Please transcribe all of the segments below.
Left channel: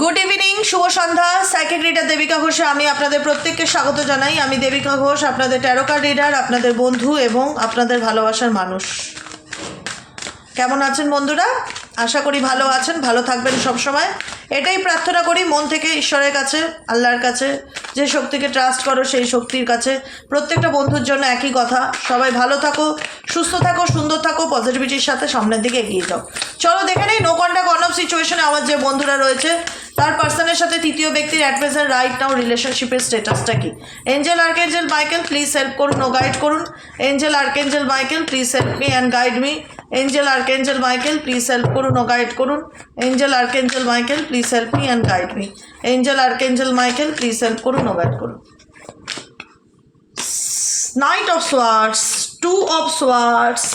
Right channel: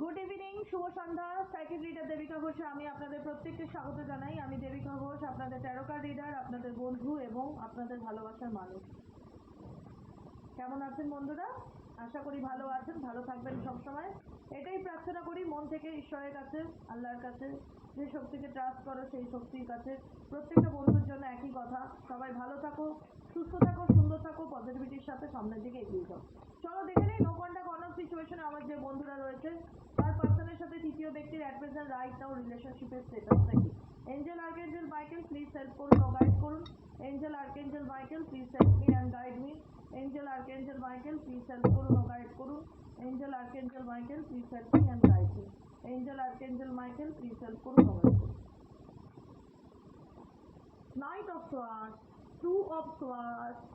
Good evening শুভ সন্ধ্যা। Reader Debika ঘোষে, আমি আপনাদের প্রত্যেককে স্বাগত জানাই। আমি দেবিকা ঘোষ, আপনাদের ট্যারোকার রিডার আপনাদের বন্ধু এবং আপনাদের ভালোবাসার মানুষ। কেমন আছেন বন্ধুরা? আশা করি ভালো আছেন, ভালো থাকবেন সব সময় এটাই প্রার্থনা করি, মন থেকে ঈশ্বরের কাছে, আল্লাহর কাছে। যে শক্তিকে ট্রাস্ট করো, সেই শক্তির কাছে। প্রত্যেকটা বন্ধুর জন্য একই কথা। সবাই ভালো থাকো, সুস্থ থাকো, সুন্দর থাকো পজিটিভিটির সাথে সামনের দিকে এগিয়ে যাও। চলো দেখে নেই নো কন্ট্যাক্ট অন অফ সিচুয়েশনে আমার যে বন্ধুরা রয়েছে, তার পার্সনের সাথে তৃতীয় ব্যক্তির অ্যাট প্রেজেন্ট রাইট নাও রিলেশনশিপের স্ট্যাটাসটা কি? Angel archangel Michael please help করুন ও গাইড করুন। Angel archangel Michael please help me and guide me angel archangel Michael please help করুন ও গাইড করুন। Angel archangel Michael please help me and guide me angel archangel Michael please help করুন ও guide করুন। Knight of swords two of swords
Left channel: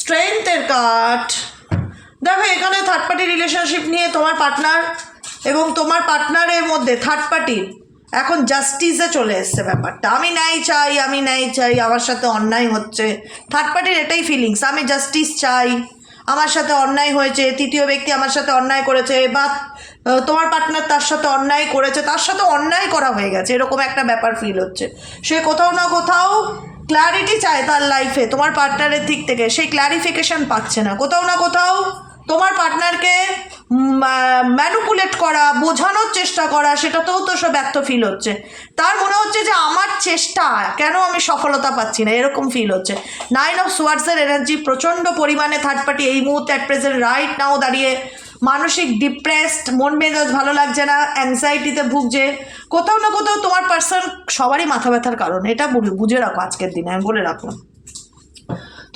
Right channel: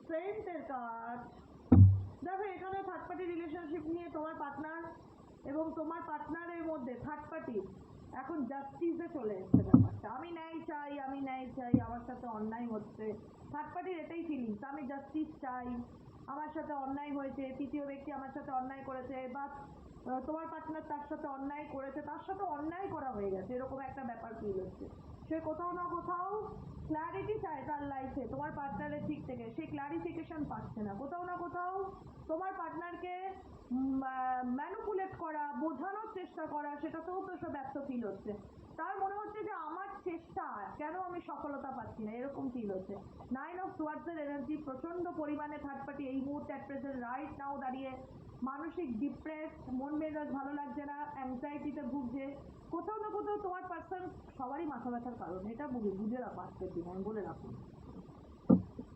স্ট্রেংথের card দেখো, এখানে third party relationship নিয়ে তোমার পার্টনার এবং তোমার পার্টনারের মধ্যে থার্ড পার্টির এখন জাস্টিসে চলে এসছে ব্যাপারটা। আমি ন্যায় চাই, আমি ন্যায় চাই, আমার সাথে অন্যায় হচ্ছে। থার্ড পার্টির এটাই ফিলিংস আমি জাস্টিস চাই, আমার সাথে অন্যায় হয়েছে, তৃতীয় ব্যক্তি আমার সাথে অন্যায় করেছে, বা তোমার পার্টনার তার সাথে অন্যায় করেছে, তার সাথে অন্যায় করা হয়ে গেছে, এরকম একটা ব্যাপার ফিল হচ্ছে। সে কোথাও না কোথাও ক্ল্যারিটি চায় তার লাইফে তোমার পার্টনারের দিক থেকে সেই ক্ল্যারিফিকেশন পাচ্ছে না। কোথাও না কোথাও পার্টনারকে ম্যানুপুলেট করা, বোঝানোর চেষ্টা করা, সেটাতেও তো সব ব্যর্থ ফিল হচ্ছে। তার মনে হচ্ছে যে আমার চেষ্টা, কেন আমি সফলতা পাচ্ছি না? এরকম ফিল হচ্ছে। নাইন অফ সোয়ার্সের এনার্জি প্রচণ্ড পরিমাণে থার্ড পার্টি এই মুহূর্তে অ্যাট প্রেজেন্ট রাইট নাও দাঁড়িয়ে মানসিক ডিপ্রেসড মন মেজাজ ভালো লাগছে না অ্যাংজাইটিতে ভুগছে। কোথাও না কোথাও তোমার পার্সন সবারই মাথা ব্যথার কারণ। এটা বুঝে রাখো আজকের দিনে, আমি বলে রাখলাম।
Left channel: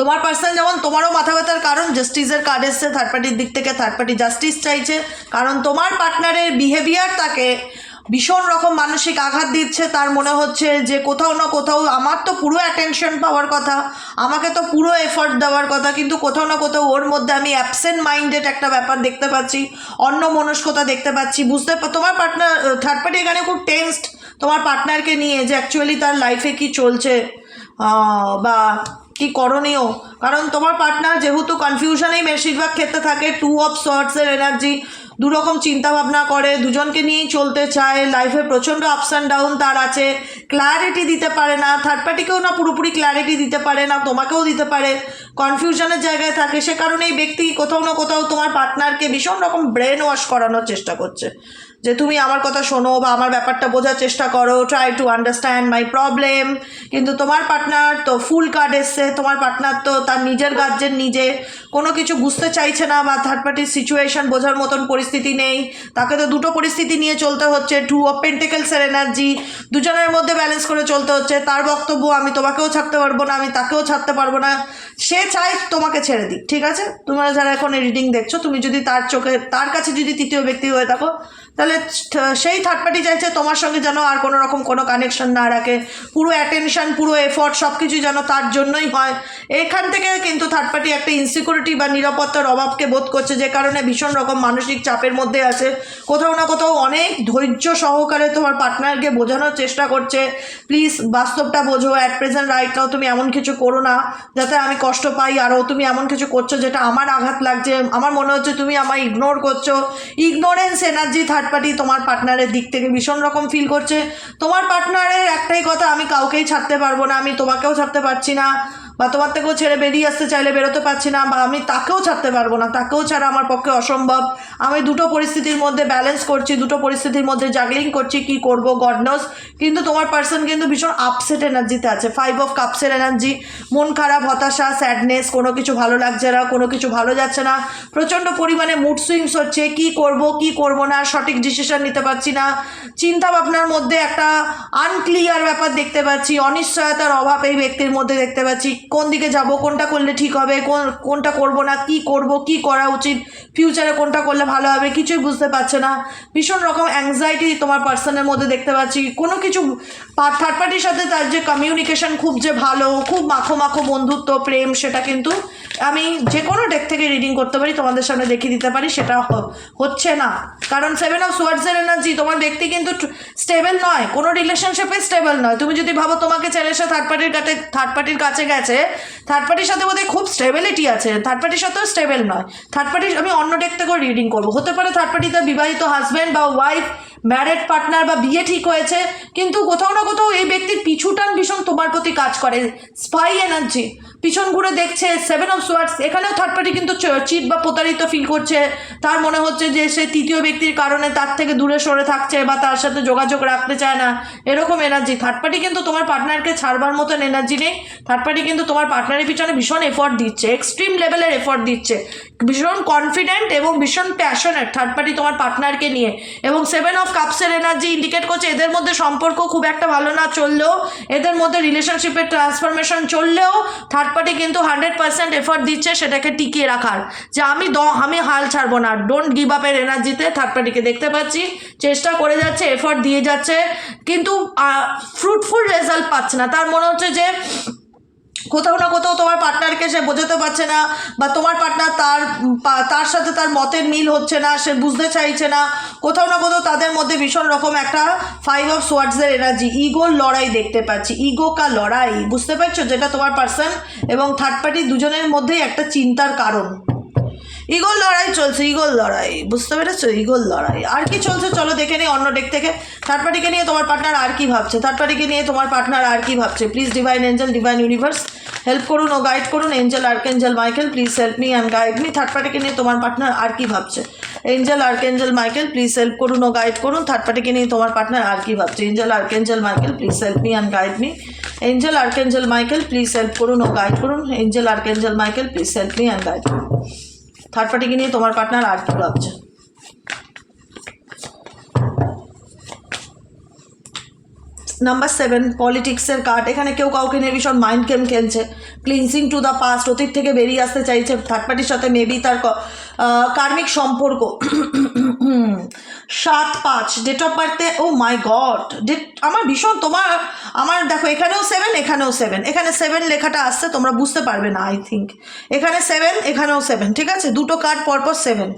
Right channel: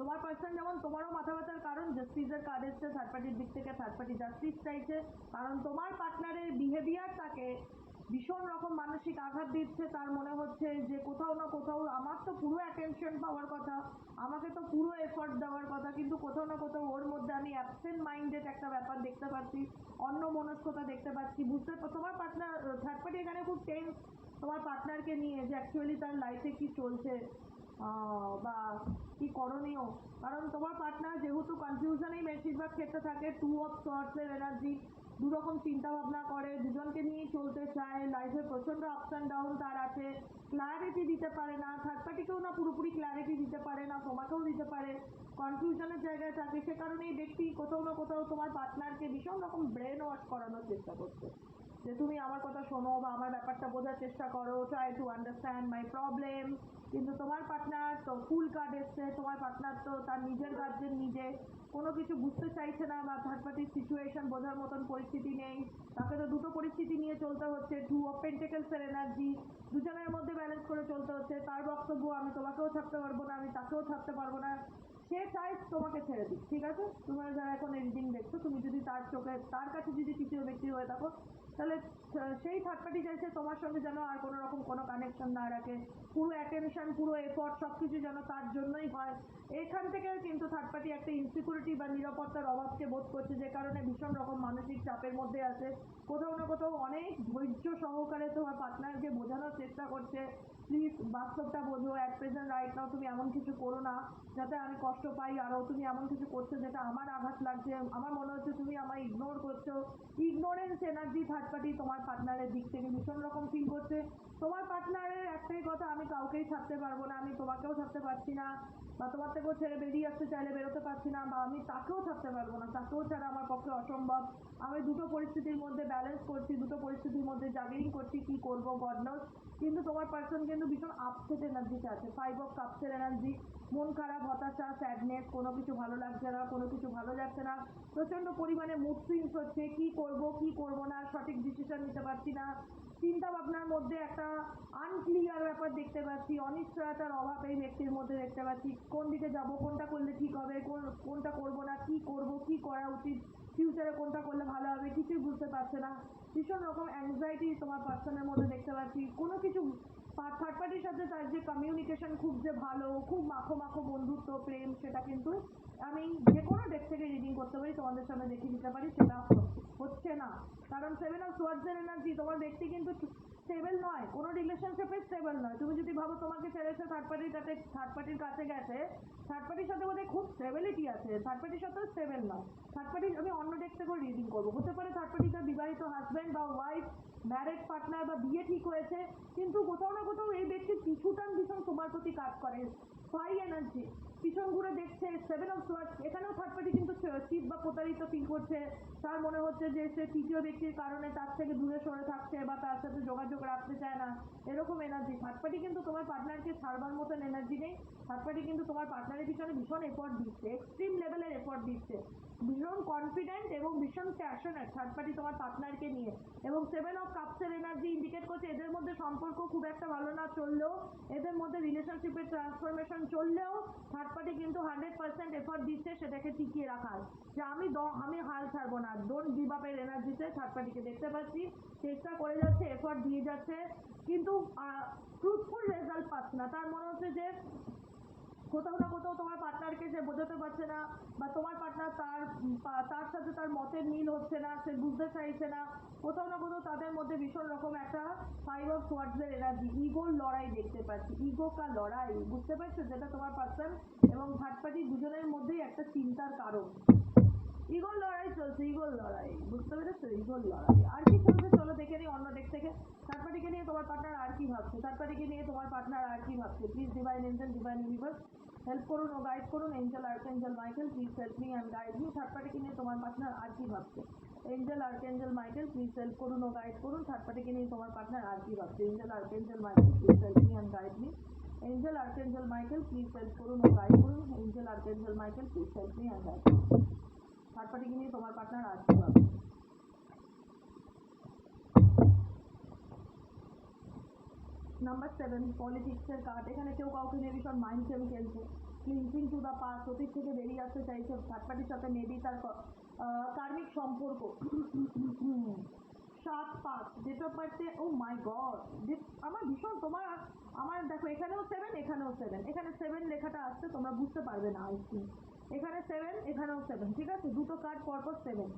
তোমার পার্সোনাল যেমন তোমারও মাথা ব্যথার কারণ জাস্টিসের কার্ড এসছে থার্ড পার্টির দিক থেকে থার্ড পার্টি জাস্টিস চাইছে। কারণ তোমার পার্টনারের বিহেভিয়ার তাকে ভীষণ রকম মানসিক আঘাত দিচ্ছে। তার মনে হচ্ছে যে কোথাও না কোথাও আমার তো পুরো অ্যাটেনশন পাওয়ার কথা, আমাকে তো পুরো এফর্ট দেওয়ার কথা, কিন্তু কোথাও না কোথাও ওর মধ্যে আমি অ্যাবসেন্ট মাইন্ডেড একটা ব্যাপার দেখতে পাচ্ছি অন্য মনস্কতা দেখতে পাচ্ছি। বুঝতে তোমার পার্টনার থার্ড পার্টি এখানে খুব টেন্সড তোমার পার্টনারকে নিয়ে যে অ্যাকচুয়ালি তার লাইফে কি চলছে বা কি করণীয়? কারণ তোমার পার্টনার যেহেতু কনফিউশনেই বেশিরভাগ ক্ষেত্রে থাকে টু অফ শর্টসের এনার্জি দুরকম চিন্তা ভাবনা করে, দুজনকে নিয়েই চলতে চায় লাইফে প্রচণ্ড আপস অ্যান্ড ডাউন তার আছে ক্ল্যারিটি দিতে পারে না থার্ড পার্টিকেও না পুরোপুরি ক্ল্যারিটি দিতে পারে না, তোমাকেও দিতে পারে কনফিউশনের জায়গায় থাকে, সে কারণে এই ব্যক্তি কোথাও না কোথাও তোমার পার্টনারকে ভীষণ রকম ব্রেন ওয়াশ করানোর চেষ্টা করছে। যে তুমি আমার কথা শোনো বা আমার ব্যাপারটা বোঝার চেষ্টা করো try to understand my problem কিন্তু তোমার পার্টনার তো ফুল কার্ড এসছে, তোমার পার্টনার তো তার নিজের গার্জেন নিজে। কোনো কিছু বুঝতে চাইছে না বা থার্ড পার্টির সিচুয়েশন বোঝার মতন পরিস্থিতি নেই। তাকে তো দুটো পরিস্থিতি নিয়ে চলতে হচ্ছে টু অফ এনার্জি দুজনের মধ্যে ব্যালেন্স করে চলতে হচ্ছে। তার বক্তব্য আমি তোমাকেও ছাড়তে পারব না, আমি তাকেও ছাড়তে পারব না। সে চায় তোমাকে ছেড়ে দিক, ঠিক আছে? তোমরা যারা এখন রিডিং দেখছ, তুমি যদি তার চোখে, তার কাছে যদি তৃতীয় ব্যক্তি হয়ে থাকো তাহলে সেই থার্ড পার্টি চাইছে তোমার সঙ্গে যেন আর কোনো রকম কোনো কানেকশন না রাখে। পুরো অ্যাটেনশন পুরো এফর্ট সব কিছু যেন তার জন্যই হয়। এখান থেকে কিন্তু থার্ড পার্টি একটা ইনসিকিউরিটি বা নিরাপত্তার অভাবকে বোধ করছে, যে কারণে ভীষণ রকম মানসিক চাপের মধ্যে আছে। কোথাও না কোথাও অনেক ধৈর্য সহকারে তোমার পার্টনারকে বোঝানোর চেষ্টা করছে। প্লিজ বাস্তবটা বোঝো অ্যাট প্রেজেন্ট রাইট নাও তুমি এমন কিছু করো না, যাতে আমি কষ্ট পাই আরও তুমি এমন কিছু করছ যেটা আমার আঘাত লাগছে। আমার মনে হচ্ছে তুমি আমায় ইগনোর করছ। ইগনোরেন্স এনার্জি থার্ড পার্টি তোমার পার্টনারের দিক থেকে ভীষণ রকম ফিল করছে। তোমার পার্টনারের একটাই কথা, আমি কাউকেই ছাড়তে পারব না, আমি তোমাকেও ছাড়তে পারছি না। বা তোমার থেকেও ছেড়ে বেরিয়ে আসতে চাইলে বেরোতে পারছি না, বা আমি তাকেও ছাড়তে পারব না, তাকেও ছাড়া আমার পক্ষে অসম্ভব। আমি দুটো পরিস্থিতির মধ্যে ব্যালেন্স করছি, দুটো পরিস্থিতির মধ্যে জাগলিং করছি, কি করব? গডনস কিন্তু তোমার পার্সন কিন্তু ভীষণ আপসেট এনার্জিতে আছে। ফাইভ অফ কাপসের এনার্জি মন খারাপ, হতাশা স্যাডনেস কোনো কিছু ভালো লাগছে না, কোনো কিছু ভালো যাচ্ছে না। প্রচণ্ড পরিমাণে মুড সুইংস হচ্ছে, কি করব কি করব না, সঠিক ডিসিশন নিতে পারছি না। চিন্তা ভাবনার মধ্যে একটা আনক্লিয়ার ব্যাপার দেখতে পাচ্ছি, অনিশ্চয়তার অভাব এই ব্যক্তির মধ্যে দেখতে পাচ্ছি। কোন দিকে যাব, কোনটা করলে ঠিক হবে, কোন, কোনটা করব না, কি করব, কি করা উচিত ফিউচারে কোনটা করলে ভালো হবে, কিছুই বুঝতে পারছে না। ভীষণ রকম অ্যাংজাইটি তোমার পার্সনের মধ্যে দেখতে পাচ্ছি। কোনো কিছু থার্ড পার্টির সাথে তার যে কমিউনিকেশন খুব যে ভালো, খুব মাখো মাখো বন্ধুত্ব, প্রেম, সেটা কিন্তু আমি যে কোনো ডেক থেকে রিডিং করতে পারি, তোমাদের সামনে দেখিয়ে দিতে পারি, সেটা হচ্ছে না। কারণ সেভেন অফ সোয়ার্ডসের এনার্জি তোমার ব্যক্তি কিন্তু স্টেবল নয়, কোনো রিলেশনশিপে স্টেবল নয়। তুমি যদি ভাবো তোমাকে ছেড়ে এসে থার্ড পার্টির কাছে থার্ড পার্টির কাছে গেছে থার্ড পার্টির সাথে বোধহয় খুব স্টেবিলিটি আছে। থার্ড পার্টির সাথেও স্টেবেল নয়। থার্ড পার্টি আমি অন্য ডেক থেকেও রিডিং করব। হতে পারে থার্ড পার্টি তার বিবাহিত হাজব্যান্ড বা ওয়াইফ ম্যারেড পার্টনার বা বিয়ে ঠিক হয়েছে, কিন্তু কোথাও না কোথাও এই ব্যক্তির পিছুটান ভীষণ তোমার প্রতি কাজ করে স্পাই এনার্জি পিছন ঘুরে দেখছে সেভেন অফ সোয়ার্ডস এখানেও থার্ড পার্টি কিন্তু চিট বা প্রতারিত ফিল করছে। তার মনে হচ্ছে যে সে তৃতীয় ব্যক্তির কারণে তার থেকে দূরে সরে থাকছে বা তার সাথে যোগাযোগ রাখতে চায় না, এরকম এনার্জি থার্ড পার্টি কিন্তু তোমার পার্টনারকে ছাড়বার মতন এনার্জি নেই। থার্ড পার্টি কিন্তু তোমার পার্টনারের পিছনে ভীষণ এফর্ট দিচ্ছে এক্সট্রিম লেভেলের এফর্ট দিচ্ছে। ভীষণ কনফিডেন্ট এবং ভীষণ প্যাশনেট থার্ড পার্টি তোমার পার্টনারকে নিয়ে। এবং সেভেন অফ কাপসের এনার্জি ইন্ডিকেট করছে। এদের মধ্যে সম্পর্ক খুব একটা ভালো না চললেও, এদের মধ্যে রিলেশনশিপের ট্রান্সফরমেশন চললেও থার্ড পার্টি কিন্তু হান্ড্রেড পার্সেন্ট এফর্ট দিচ্ছে সেটাকে টিকিয়ে রাখার। যে আমি দ, আমি হাল ছাড়বো না। ডোন্ট গিভ আপের এনার্জিতে থার্ড পার্টিকে দেখতে পাচ্ছি। চেষ্টা করে যাচ্ছে এফর্ট দিয়ে যাচ্ছে। কিন্তু ফ্রুটফুল রেজাল্ট পাচ্ছে না। তার মনে হচ্ছে যে কোথাও না কোথাও তোমার পার্টনারকে সে বোঝাতে পারছে না বা তোমার পার্টনার তার তার সাথে তার মতের মিল হচ্ছে না, সে বুঝতে চাইছে না। কোথাও না কোথাও তাদের মধ্যে ভীষণ রকম একটা ফাইভ অফ সোয়ার্ডসের এনার্জি ইগোর লড়াই দেখতে পাচ্ছি ইগো কা লড়াই, বুঝতে পারছ? যেটা তোমার পার্সন এবং থার্ড পার্টি দুজনের মধ্যেই একটা চিন্তার কারণ। ইগোর লড়াই চলছে ইগোর লড়াই। বুঝতে পেরেছ? ইগোর লড়াই। আর কি চলছে চলো দেখে নিই অন্য ডেক থেকে। থার্ড পার্টিকে নিয়ে তোমার পার্টনার আর কি ভাবছে? থার্ড পার্টিকে নিয়ে তোমার পার্টনার আর কি ভাবছে? Please divine angel divine universe help করুন, ও গাইড করুন। Angel archangel Michael please help me and guide me third পার্টিকে নিয়ে তোমার পার্টনার আর কি ভাবছে? Angel archangel Michael please help করুন, ও গাইড করুন। থার্ড পার্টিকে নিয়ে তোমার পার্টনার আর কি ভাবছে? Angel archangel Michael please help me and guide me angel archangel Michael please help করুন, ও গাইড করুন। Angel archangel Michael please help me and guide third পার্টিকে নিয়ে তোমার পার্টনার আর কি ভাবছে? নাম্বার সেভেন পলিটিক্সের কার্ড এখানে কেউ কাউকে নিয়ে ভীষণ মাইন্ড গেম খেলছে। ক্লিনসিং টু দ্য পাস্ট অতীত থেকে বেরিয়ে আসতে চাইছে। থার্ড পার্টির সাথে মেবি তার কার্মিক সম্পর্ক। সাত পাঁচ ডেট অফ বার্থে ও মাই গড ডেট আমার ভীষণ তোমার, আমার দেখো, এখানেও সেভেন এখানেও সেভেন এখানে সেভেন লেখাটা আসছে, তোমরা বুঝতে পারবে না আই থিঙ্ক এখানে সেভেন এখানেও সেভেন ঠিক আছে? দুটো কার্ড পরপর সেভেন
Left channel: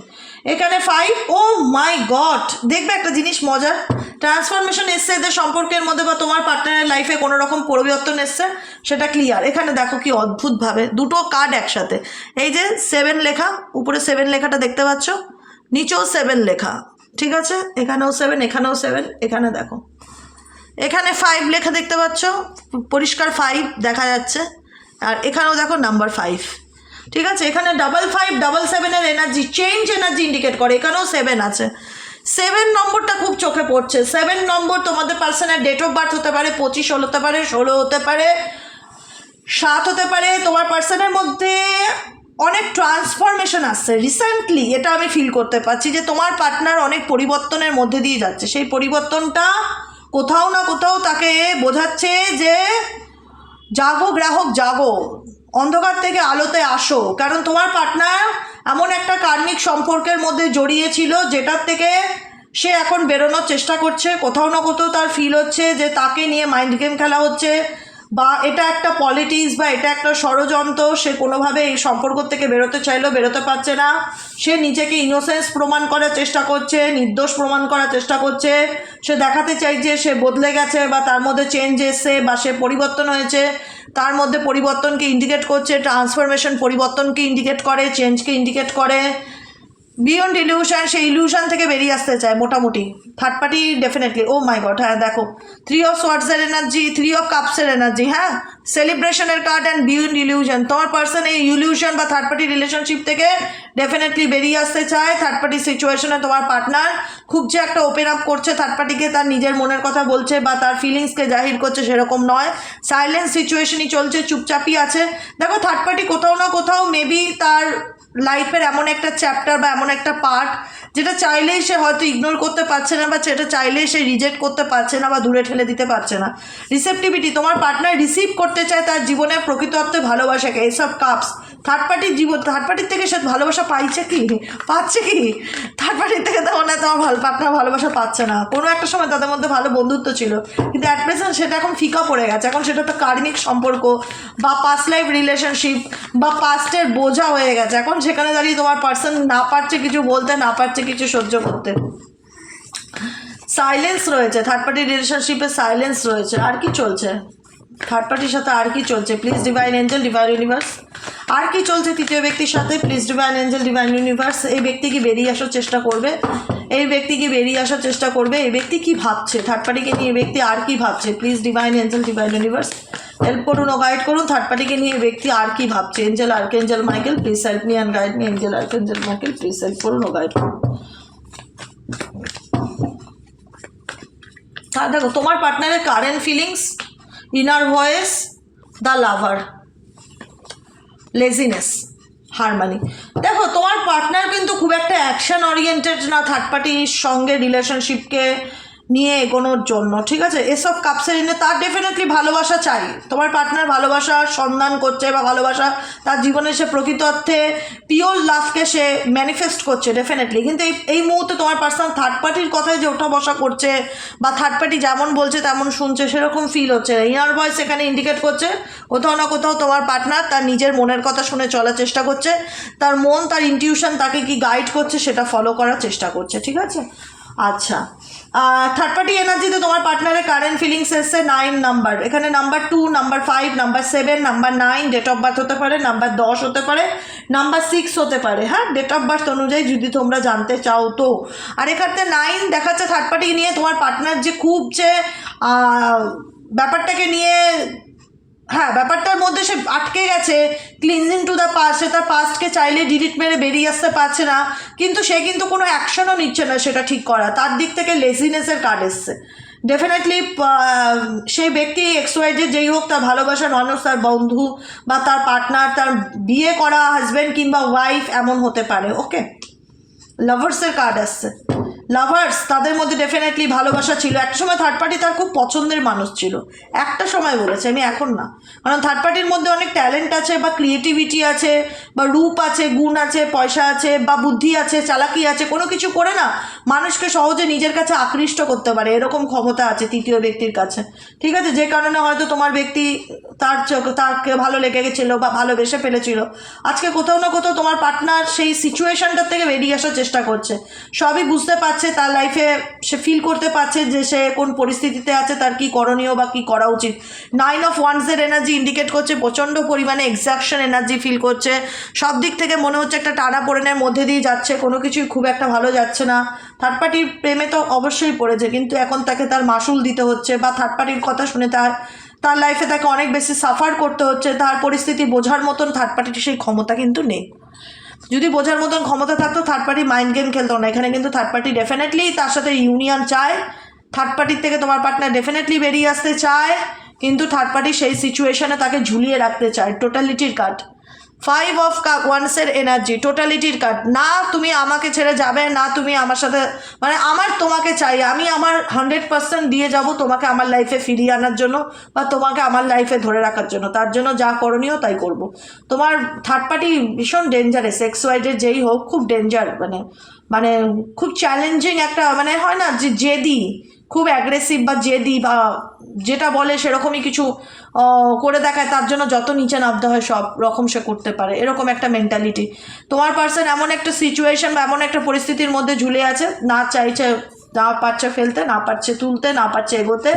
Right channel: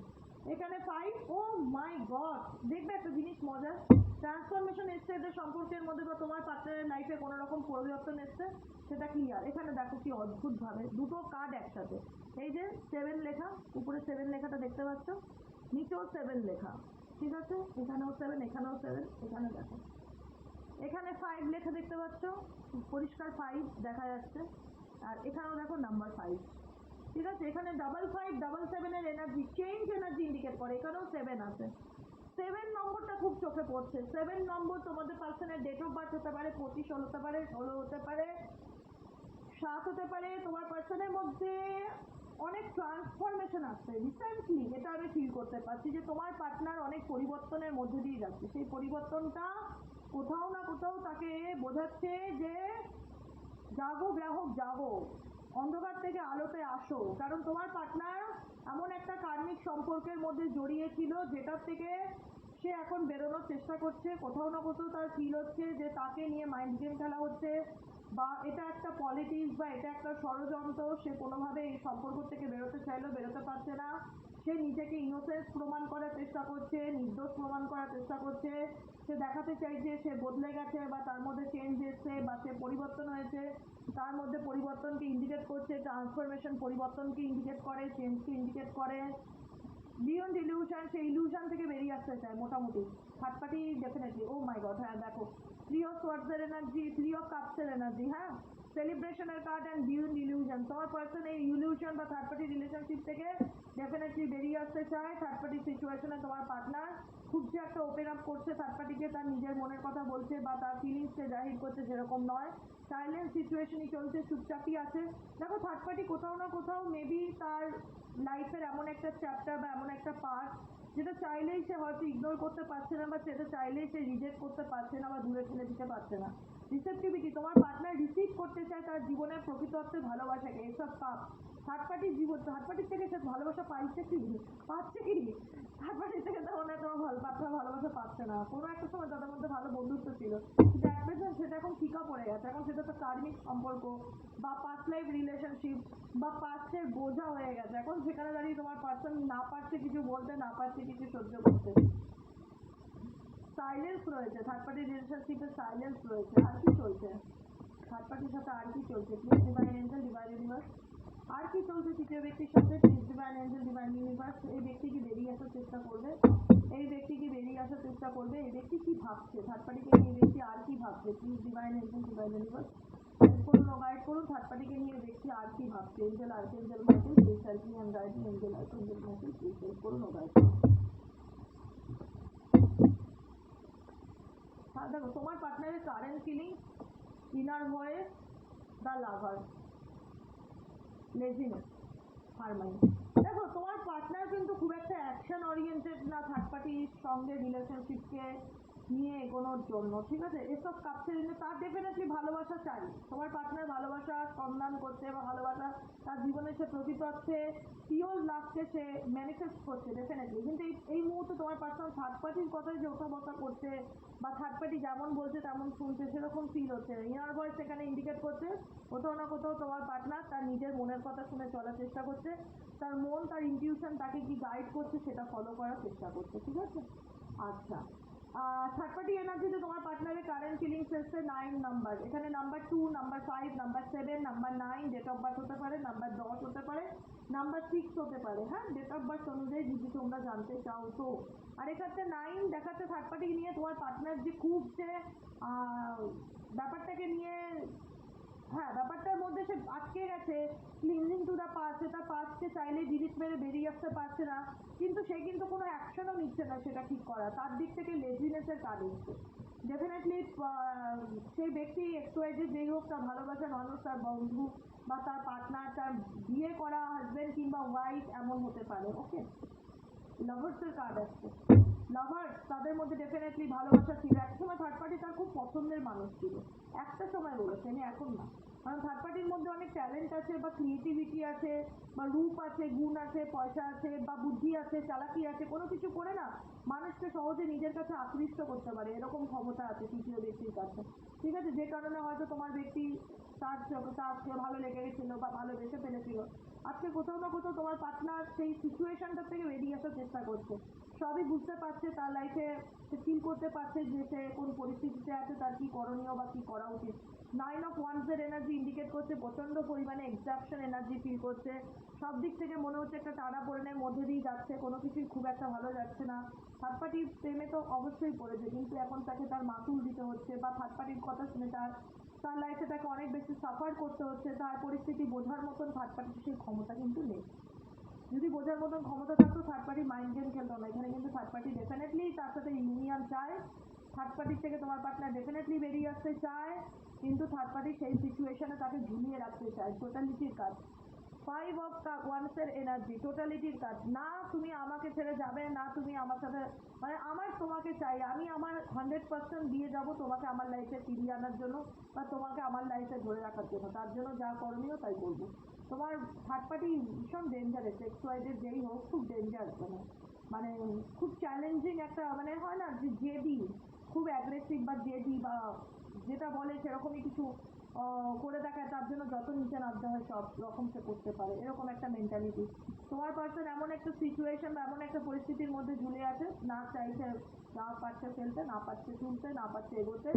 এখানে ফাইভ ও মাই গড দেখবে একটা জিনিস মজার। ট্রান্সফরমেশন এসছে এদের সম্পর্কের মধ্যে বা তোমার পার্টনারের লাইফে কোনো রকম পরিবর্তন এসছে, সেটা ক্লিয়ার এখানে দেখো কি অদ্ভুতভাবে দুটো কার্ড একসাথে। এই যে সেভেন লেখা, উপরে সেভেন লেখাটা দেখতে পাচ্ছ? নিচেও সেভেন লেখা। ঠিক আছে? এখানেও সেভেন এখানেও সেভেন এখানে দেখো। এখানে ফাইভ লেখা দেখতে পাচ্ছ? পরিষ্কার ফাইভ দেখা যাচ্ছে। আর এখানেও দেখো নাম্বার ফাইভ ঠিক আছে? এখানে ডাবল ফাইভ ডাবল সেভেনের এনার্জি চেঞ্জ এনার্জি ইন্ডিকেট করে। এখানেও সেভেন আছে। সেভেন নম্বরটা খুব চোখে পড়ছে। সেভেন নম্বর তোমাদের পার্সনের ডেট অফ বার্থ হতে পারে, পঁচিশ হতে পারে, ষোলো হতে পারে, সাত হতে পারে। তোমার পার্সনের মধ্যে অনেক ট্রান্সফরমেশন আসছে। রিসেন্টলি এটা আমি ফিল করতে পারছি যে তোমার পার্টনার অনেক পরিবর্তনের মধ্যে দিয়ে যাচ্ছে। সেই পরিবর্তনটা কোথাও না কোথাও তাকে বোঝাচ্ছে যে, জাগো গ্রাহক, জাগো। অন্ধকার থেকে আলোতে আসো। কারণ তোমার পার্টনার এমন একটা কার্মিক সম্পর্কের মধ্যে জড়িয়ে ছিল যেটার থেকে সে এখন বেরোনোর চেষ্টা করছে। কোথাও না কোথাও তার ফিল হচ্ছে যে তাকে নিয়ে মাইন্ড গেম খেলা হচ্ছে বা এটা একটা পলিটিক্স বা এটা একটা ষড়যন্ত্র। সে কোনোভাবে এই সম্পর্ক থেকে বেরোতে চাইলেও বেরোতে পারছে না। সে নিজেকে ইনোসেন্স প্রমাণ করার চেষ্টা করছে, নির্দোষ প্রমাণ করার চেষ্টা করছে। সে দেখাতে চাই যে সে বদলে গেছে বা তার মধ্যে চেঞ্জ এসছে বা সে পরিবর্তন হয়েছে। তার মধ্যে পরিবর্তনকে ইন্ডিকেট করছে ট্রান্সফরমেশন পরিবর্তনকে ইন্ডিকেট করে চেঞ্জকে ইন্ডিকেট করে। বিয়ন্ড ইলিউশন সেই ইলিউশন থেকে বেরিয়ে আসতে চায় মোটামুটি। Third party definitely oh my god হ্যাঁ দেখো। থ্রি অফ সোয়ার্ডসের এনার্জি থ্রি অফ কাপসের এনার্জি হ্যাঁ? সেলিব্রেশনের কার্ড অ্যান্ড বিয়ন্ড ইলিউশন তোমার পার্সন এই ইলিউশন বা থার্ড পার্টি রিলেশনশিপ থেকে ডেফিনেটলি বেরিয়ে আসতে চায়। থার্ড পার্টি সিচুয়েশনে তোমার পার্টনার খুব যে একটা ওপেন আপ করছে থার্ড পার্টিকে তার নিজের মনের কথা বলছে বা তার ফিলিংসকে জাহির করছে সেরকম নয়। সাইলেন্স সিচুয়েশনই চলছে, চুপচাপই আছে। দেখো থার্ড পার্টি কোথাও না কোথাও মেবি তার লাইফের এমন একটা চ্যাপ্টার বা এমন একটা পার্ট যেটা চাইলেই সে হয়তো ইগনোর করতে পারছে না বা সেটা চাইলেই সে রিজেক্ট করতে পারছে না বা দূরে ঠেলে দিতে পারছে না। রিসেপটিভিটি তোমার পার্টনার রিসিভ করতে চায় তার জীবনে প্রকৃত অর্থে ভালোবাসাকে এইসব কাপস থার্ড পার্টির জীবন থার্ড পার্টির থেকে সে ভালোবাসা পাইছে কি? পাচ্ছে কি? থার্ড পার্টির থেকে তো মনে হয় তোমার ভালো পার্টনার ভালোবাসা পাচ্ছে না। কোনো একটা সময় তাদের মধ্যে ভালো বন্ধুত্ব ছিল। কিন্তু অ্যাট প্রেজেন্ট সেটা এখন ফিকা পড়ে গেছে। এখন সেটা তো কার্মিক সম্পর্ক বা পাস্ট লাইফ রিলেশনশিপ বা পাস্টের বোঝা হয়ে গেছে। এখন সেখানে দাঁড়িয়ে তোমার পার্সন না পারছে কিছু বলতে, না পারছে কিছু সহ্য করতে। সাইলেন্স রয়েছে। থার্ড পার্টি রিলেশনশিপে সাইলেন্স রয়েছে। আর কি চলছে? থার্ড পার্টির সাথে আর কি চলছে? Please divine angel divine universe আর কি চলছে তৃতীয় ব্যক্তির সাথে? Please divine angel divine universe এই ব্যক্তি কি বেরিয়ে আসার চেষ্টা করবে? এই ব্যক্তি কি বেরিয়ে আসার চেষ্টা করবে? এই ব্যক্তি কি ভাবছে? থার্ড পার্টিকে নিয়ে ব্যক্তি আর কি ভাবছে? Please divine angel divine universe help করুন ও গাইড করুন। থার্ড পার্টিকে নিয়ে ব্যক্তি আর কি ভাবছে? Angel archangel Michael please help me and guide me angel archangel Michael please help করুন ও গাইড করুন। আর দেখো, তোমার পার্টনারের current feelings inner voice the lover laziness harmony দেখো, তোমার পার্টনার কিন্তু খুব একটা অ্যাকশন ওরিয়েন্টেড না থার্ড পার্টির সঙ্গে রিলেশনশিপকে নিয়ে এগোনোর জন্য, ঠিক আছে? এসব কাপসের এনে তার ডেফিনেটলি ভালোবাসা চাই। তোমার পার্টনার ভালোবাসার সন্ধান করছে বা ভালোবাসা তার জীবনে সে প্রকৃত অর্থে পিওর লাভকে সে ম্যানিফেস্ট করছে ডেফিনেটলি কিন্তু এই এই মুহূর্তে তোমার পার্সোনাল থার্ড পার্টির কথায় যে ওঠা বসা করছে বা থার্ড পার্টি যেমন বলছে তেমন শুনছে, সেরকম ফিল হচ্ছে না। ইনার ভয়েস এখানে ইন্ডিকেট করছে, কোথাও না কোথাও তোমার পার্টনার তার নিজের মনের কথা শুনে চলার চেষ্টা করছে, তার মন, তার ইনটিউশন তাকে কি গাইড করছে সেটা ফলো করার চেষ্টা করছে, ঠিক আছে? আচ্ছা। থার্ড পার্টি এনার্জিতে তোমার পার্টনারের কারেন্ট ফিলিংস এসছে নাইন নাম্বার এখানে number two number five number seven number nine date of birth হতে পারে নাম্বার দশ হতে পারে নাম্বার সিক্স হতে পারে। হ্যাঁ ডেট অফ বার্থ অনুযায়ী যদি তোমরা জানতে চাও তো। আর এখানে নাইন দেখাচ্ছে থার্ড পার্টি নিয়ে তোমার পার্টনার যে খুব যে ব্যাপারটাকে নিয়ে হ্যাঁ ব্যাপারটার মধ্যে সে আটকে গেছে। ক্লিনজিং টু দ্য পাস্ট সে তার পাস্টকে চাইলে ডিলিট মেরে বেরিয়ে আসতে পারছে না। কিন্তু সে কিন্তু কোনো অ্যাকশনও নিচ্ছে না সেটা ঠিক করা। তার দিক থেকে লেজিনেসের কার্ড এসছে। ডেফিনেটলি সেই ব্যক্তি এক্সওয়াইজের যেই হোক, তার ভালোবাসার মানুষ, তার বন্ধু বা তার পার্টনার তার বিয়ে করা হাজব্যান্ড কিংবা ওয়াইফ এমন হতে পারে। ওকে লাভার্সের কার্ড আসছে লাভার্স তাদের মধ্যে ডেফিনেটলি ভালোবাসা ছিল। একটা সময় থার্ড পার্টি তার খুব পছন্দের মানুষ ছিল। একটা সময় বলেছে, আমি এখন না। কারণ থার্ড পার্টির মধ্যে অনেক ট্যালেন্ট আছে বা ক্রিয়েটিভিটি আছে বা রূপ আছে, গুণ আছে, পয়সা আছে বা বুদ্ধি আছে, চালাকি আছে, কোনো কিছু করে না মানুষকে সহজে নিজের কাছে আকৃষ্ট করতে পারে, এরকম ক্ষমতা আছে তৃতীয় ব্যক্তির কাছে। ঠিক আছে? যে কারণে হয়তো তোমার ব্যক্তি তার চোখ, তাকে ভালো লেগে গেছিল বা ভালোবেসে ফেলেছিল। আজকে কোথাও না কোথাও তোমার পার্টনার সেই সিচুয়েশনটার থেকে বেরিয়ে আসার চেষ্টা করছে। সবই বুঝতে পারছে, তার লাইফে সে ফিল করতে পারছে যে সে কোন পরিস্থিতিতে আছে, তার কি করণীয় বা কি করা উচিত। নাইন অফ ওয়ান্সের এনার্জি ইন্ডিকেট করছে, প্রচণ্ড পরিমাণে এক্সাকশন এনার্জি ফিল করছে। সব দিক থেকে মনে হচ্ছে একটা টানা পোড়েনের মধ্যে দিয়ে যাচ্ছে, কোনো কিছুই খুব একটা ভালো যাচ্ছে না। থার্ড পার্টির প্রেমে তো অবশ্যই পড়েছে, কিন্তু এখন তাকে তার মাসুল দিতে হচ্ছে বা থার্ড পার্টির কথা শুনে তার তার লাইফে তাকে অনেক বেশি সাফার করতে হচ্ছে, তার পরিস্থিতি বোঝার মতন থার্ড পার্টির সেই ক্ষমতা কিন্তু নেই। যদি বোঝার মতন ক্ষমতা থাকতো থার্ড পার্টি মাইন্ড গেম খেলতো না। এখানে কিন্তু থার্ড পার্টি ডেফিনেটলি তার সাথে ইউনিয়ন চায়। থার্ড পার্টির থেকে তোমার পার্টনার ডেফিনেটলি বেরিয়ে আসতে চায়। কিন্তু থার্ড পার্টি সেই সিচুয়েশনে তাকে ঝুলিয়ে রাখতে চায়। টোটালিটির কার্ড ফাইভ অফ কাপ ওয়ান্সের এনার্জি টোটালিটির কার্ড না তুমি আমাকে ছেড়ে যাবে, না তুমি আমার সাথে মানে আমার তোমাকে চাই। আমি আমার হান্ড্রেড পার্সেন্ট দিয়ে যাব তোমাকে আমার লাইফে ফিরিয়ে আনার জন্য বা তোমাকে আমার লাইফে ধরে রাখার জন্য। তার জন্য যা করণীয় তাই করব। তোমার থার্ড পার্টি ভীষণ ডেঞ্জারাস এক্স ওয়াইডের যেই হোক, খুব ডেঞ্জার মানে মানে খুব চ্যালেঞ্জিং একটা মানে হয় না যে জেদি। খুব অ্যাগ্রেসিভ বা জেদি বা যেটা বলে সেরকমই কিছু করে দেখায়, তার জন্য যত নিচে নামতে হয় সব রকম সে করতে পারে। এরকম একটা মেন্টালিটি তোমার পার্সন এমন একটা সিচুয়েশন বা এমন একটা পরিস্থিতির মধ্যে ঝুলে আছে, না চাইছে না পারছে ফেলতে, না পারছে তুলতে, না পারছে এগোতে,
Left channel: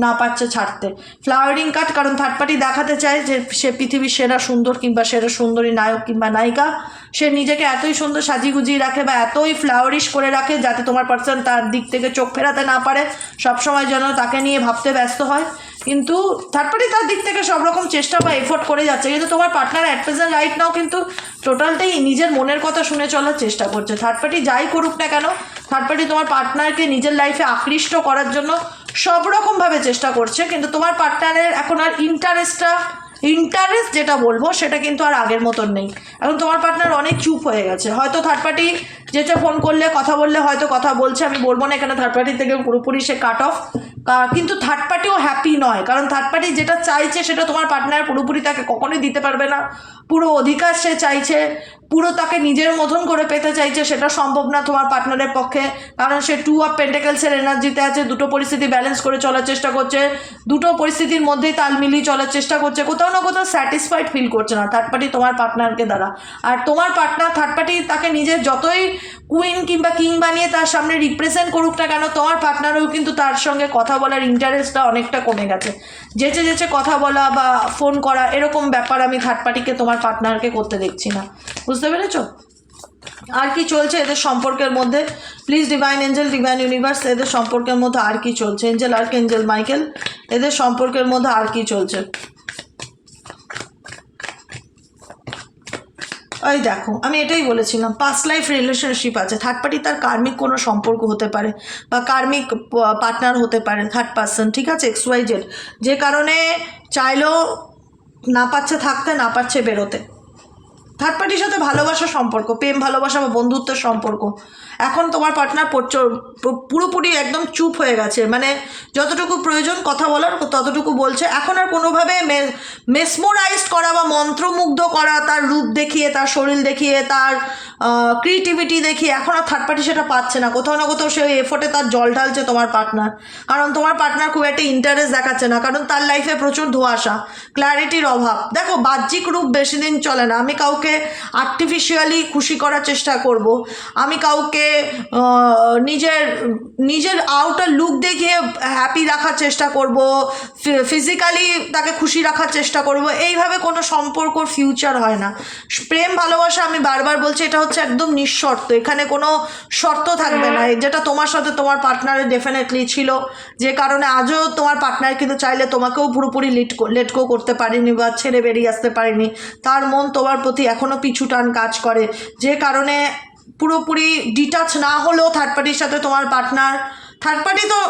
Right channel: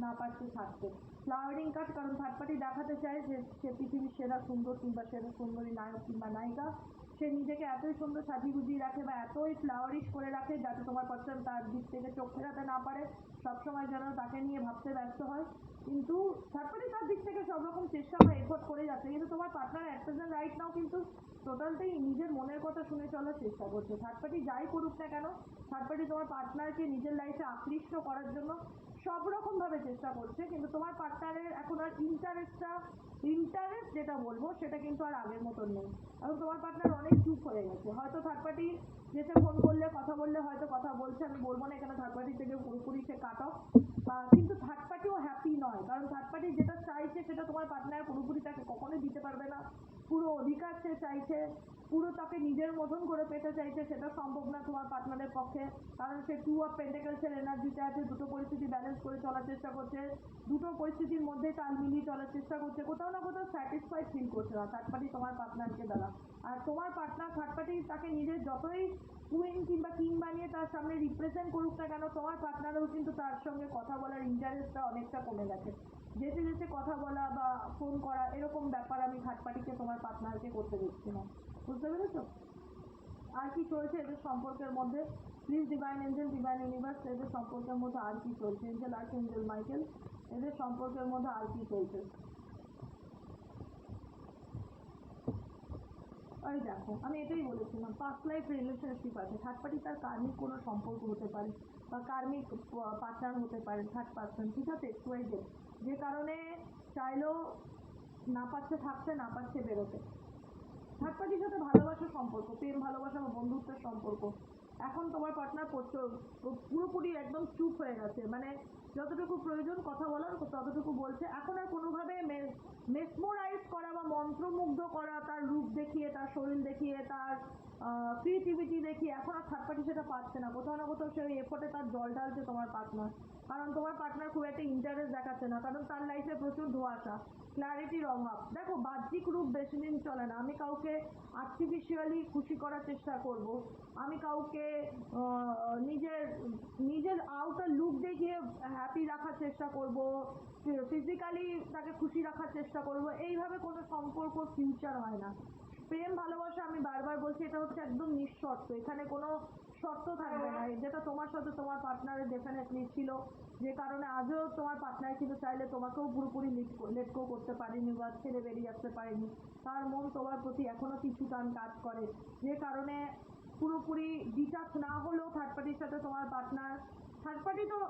না পারছে ছাড়তে। ফ্লাওয়ারিং কাট কারণ থার্ড পার্টি দেখাতে চায় যে সে পৃথিবীর সেরা সুন্দর কিংবা সেরা সুন্দরী নায়ক কিংবা নায়িকা। সে নিজেকে এতই সুন্দর সাজিয়ে গুজিয়ে রাখে বা এতই ফ্লাওয়ারিশ করে রাখে যাতে তোমার পার্সন তার দিক থেকে চোখ ফেরাতে না পারে। সবসময় যেন তাকে নিয়ে ভাবতে ব্যস্ত হয়। কিন্তু থার্ড পার্টি তার দিক থেকে সব রকম চেষ্টা বা এফোর্ট করে যাচ্ছে। কিন্তু তোমার partner at present right now কিন্তু টোটালটাই নিজের মনের কথা শুনে চলার চেষ্টা করছে। থার্ড পার্টি যাই করুক না কেন থার্ড পার্টি তোমার পার্টনারকে নিজের লাইফে আকৃষ্ট করার জন্য সব রকমভাবে চেষ্টা করছে। কিন্তু তোমার পার্টনারের এখন আর ইন্টারেস্টটা ইন্টারেস্ট যেটা বলব সেটা কিন্তু আর আগের মতন নেই। এখন তোমার পার্টনার অনেক চুপ হয়ে গেছে। হয়তো থার্ড পার্টি যেটা ফোন করলে, কথা বললে হয়তো কথা বলছে, আমি বলব না, এখানে থার্ড পার্টি থেকে পুরোপুরি সে কাট অফ কিন্তু থার্ড পার্টিও হ্যাপি নয়, কারণ থার্ড পার্টি যেটা চাইছে সেটা তোমার পার্টনার পুরোপুরি তাকে কখনোই দিতে পারবে না। পুরো অধিকার সে চাইছে, পুরো তাকে নিজের মতন করে পেতে চাইছে, সেটা সম্ভব না তোমার পার্টনারের পক্ষে। কারণ সে টু অফ পেন্টেকেলসের এনার্জিতে আছে, দুটো পরিস্থিতি ব্যালেন্স করে চলার চেষ্টা করছে, দুটো পরিস্থিতির মধ্যেই তাল মিলিয়ে চলার চেষ্টা করছে, কোথাও না কোথাও স্যাটিসফাইড ফিল করছে না থার্ড পার্টি তোমার পার্টনারকে দ্বারা। আর তোমার পার্টনার থার্ড পার্টি তাকে নিজের যতই কুইন কিংবা কিং বানিয়ে তার সামনে রিপ্রেজেন্ট করুক না কেন তোমার পার্টনারও কিন্তু তার সঙ্গে কথা বলার ইন্টারেস্টটা অনেকটা কমে গেছে। যেচে যেচে কথা বলা বা ফোন করা, এরকম ব্যাপার আমি থার্ড পার্টিকে তোমার পার্টনারকে করতে দেখছি না। বুঝতে পেরেছ? আর কি চলছে এদের সম্পর্কের মধ্যে? Please divine angel divine universe এদের সম্পর্কের মধ্যে আর কি চলছে? এঞ্জেল আর্ক এঞ্জেল মাইকেল এদের সম্পর্কের মধ্যে আর কি চলছে? ওই দেখো, আমি এটাই বলেছিলাম পাস্ট লাইফ রিলেশনশিপ আছে থার্ড পার্টি তার কার্মিক কোনো সম্পর্ক হতে পারে বা কার্মিক পার্টনার হতে পারে থার্ড পার্সন ঠিক আছে এক্স ওয়াই জেড যে কারণে চাইলেও না পারছে থাকতে, না পারছে বেরোতে। থার্ড পার্টির সাথে ভালোবাসার সম্পর্ক, প্রেম, ভালোবাসা বা বন্ধুত্বের সম্পর্ক। এখন তোমার পার্টনার পুরোপুরি একদম চুপ হয়ে গেছে। মানে যতটুকু প্রয়োজন কথা বলার, ততটুকু বলছে। এখন আর কোনোভাবে মেসমোরাইজড করা বা মন্ত্রমুগ্ধ করা, তার রূপ দেখিয়ে, তার শরীর দেখিয়ে, তার ক্রিয়েটিভিটি দেখি, এখন আর থার্ড পার্টি সেটা পাচ্ছে না। কোথাও না কোথাও সে এফোর্টে তার জল ঢালছে তোমার পার্টনার কারণ তোমার পার্টনার খুব একটা ইন্টারেস্ট দেখাচ্ছে না, কারণ তার লাইফে প্রচুর ধোঁয়াশা ক্ল্যারিটির অভাব। দেখো, বাহ্যিক রূপ বেশি দিন চলে না। আমি কাউকে আর্টিফিশিয়ালি খুশি করার চেষ্টা করব। আমি কাউকে নিজের নিজের আউটার লুক দেখিয়ে হ্যাপি রাখার চেষ্টা করব ফিজিক্যালি তাকে খুশি রাখার চেষ্টা করব। এইভাবে কোনো সম্পর্কর ফিউচার হয় না। প্রেম, ভালোবাসা আমি বারবার বলছি, এটা হচ্ছে একদম নিঃশর্ত। এখানে কোনো শর্ত থাকবে না। যেটা তোমার সাথে তোমার পার্টনারের ডেফিনেটলি ছিল। যে কারণে আজও তোমার পার্টনার কিন্তু চাইলে তোমাকেও পুরোপুরি লিট লেট গো করতে পারেনি বা ছেড়ে বেরিয়ে আসতে পারেনি। তার মন তোমার প্রতি এখনও পিছু টান কাজ করে। যে কারণে পুরোপুরি ডিটাচ না হলেও থার্ড পার্টির সাথে তোমার পার্টনার থার্ড পার্টি তো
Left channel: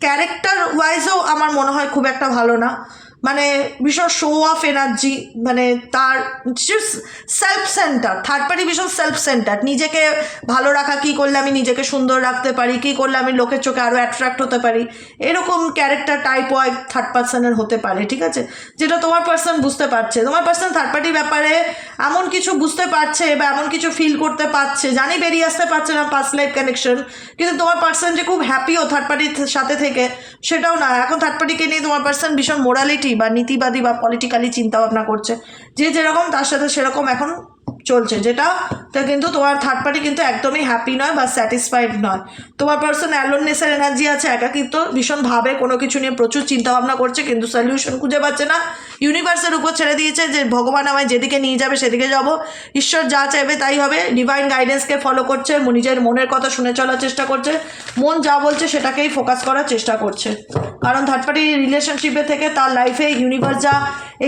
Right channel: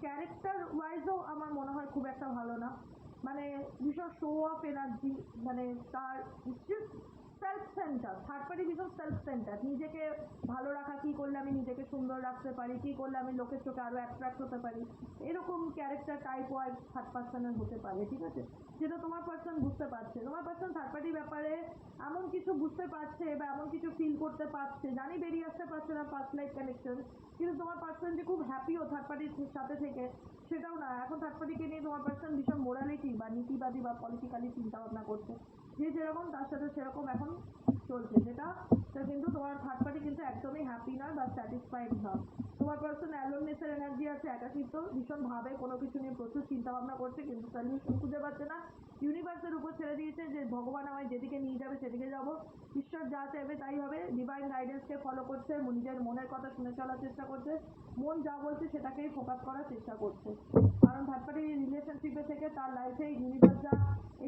ক্যারেক্টার ওয়াইজও আমার মনে হয় খুব একটা ভালো না। মানে ভীষণ শো অফ এনার্জি মানে তার সেলফ সেন্টার থার্ড পার্টি ভীষণ সেলফ সেন্টার নিজেকে ভালো রাখা, কী করলে আমি নিজেকে সুন্দর রাখতে পারি, কী করলে আমি লোকের চোখে আরও অ্যাট্রাক্ট হতে পারি, এরকম ক্যারেক্টার টাইপ ওয়াই থার্ড পার্সনের হতে পারে, ঠিক আছে? যেটা তোমার পার্সন বুঝতে পারছে। তোমার পার্সন থার্ড পার্টির ব্যাপারে এমন কিছু বুঝতে পারছে বা এমন কিছু ফিল করতে পারছে, জানি বেরিয়ে আসতে পারছে না পাস্ট লাইফ কানেকশন কিন্তু তোমার পার্সন যে খুব হ্যাপিও থার্ড পার্টির সাথে থেকে, সেটাও না। এখন থার্ড পার্টিকে নিয়ে তোমার পার্সন ভীষণ মোরালিটি বা নীতিবাদী বা পলিটিক্যালি চিন্তাভাবনা করছে। যে যেরকম তার সাথে সেরকম এখন চলছে, যেটা কিন্তু তোমার থার্ড পার্টি কিন্তু একদমই হ্যাপি নয় বা স্যাটিসফাইড নয়। তোমার পার্সন অ্যালোননেসের এনার্জি আছে, একাকিত্ব, ভীষণ ভাবে কোনো কিছু নিয়ে প্রচুর চিন্তাভাবনা করছে, কিন্তু সলিউশন খুঁজে পাচ্ছে না। ইউনিভার্সের উপর ছেড়ে দিয়েছে যে ভগবান আমায় যেদিকে নিয়ে যাবে সেদিকে যাব। ঈশ্বর যা চাইবে তাই হবে। ডিভাইন গাইডেন্সকে ফলো করছে নিজের মনের কথা শুনে চলার চেষ্টা করছে। মন যা বলছে সেটাকেই ফোকাস করার চেষ্টা করছে। কারণ থার্ড পার্টি রিলেশনশিপে থেকে তার লাইফে ইউনিভার্স যা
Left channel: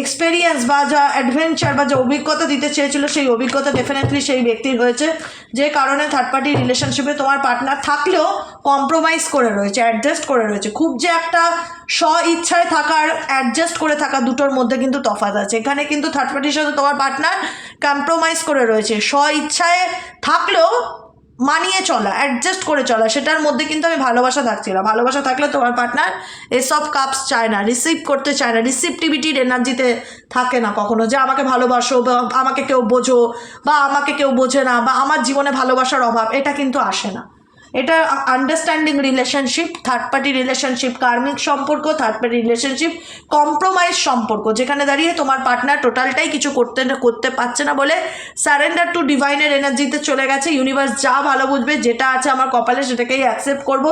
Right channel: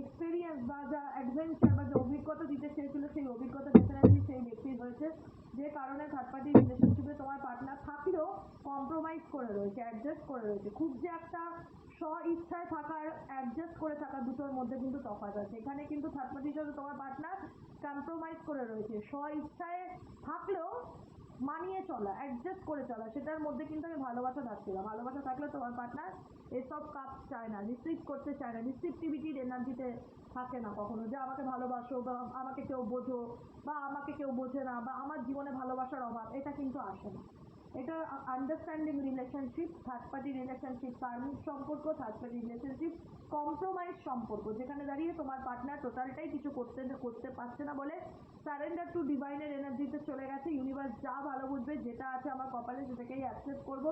এক্সপেরিয়েন্স বা যা অ্যাডভেঞ্চার বা যা অভিজ্ঞতা দিতে চেয়েছিল সেই অভিজ্ঞতা ডেফিনেটলি সেই ব্যক্তির হয়েছে যে কারণে থার্ড পার্টি রিলেশনশিপে তোমার পার্টনার থাকলেও কম্প্রোমাইজ করে রয়েছে অ্যাডজাস্ট করে রয়েছে। খুব যে একটা স্ব ইচ্ছায় থাকার অ্যাডজাস্ট করে থাকা দুটোর মধ্যে কিন্তু তফাৎ আছে। এখানে কিন্তু থার্ড পার্টির সাথে তোমার পার্টনার কম্প্রোমাইজ করে রয়েছে। স্ব ইচ্ছায় থাকলেও মানিয়ে চলা অ্যাডজাস্ট করে চলা, সেটার মধ্যে কিন্তু আমি ভালোবাসা থাকছি না ভালোবাসা থাকলে তোমার পার্টনার এসব কাপস চায় না রিসিভ করতে চায় না রিসিপটিভিটির এনার্জিতে থাকে না কখনো যে আমাকে ভালোবাসো বা আমাকে কেউ বোঝো বা আমাকে কেউ বোঝে না বা আমার জীবনে ভালোবাসার অভাব, এটা কিন্তু আসে না। এটা understanding relationship third party relationship কার্মিক সম্পর্ক থার্ড পার্টি রিলেশনশিপ কম্প্রোমাইজ সম্পর্ক। যেখানে দাঁড়িয়ে তোমার পার্টনার টোটালটাই কিছু করতে করতে পারছে না বলে স্যারেন্ডার টু ডিভাইনের এনার্জিতে চলে গেছে। ইউনিভার্স যা ভালো বুঝবে, যেটা আছে আমার কপালে সেটাকেই অ্যাকসেপ্ট করব।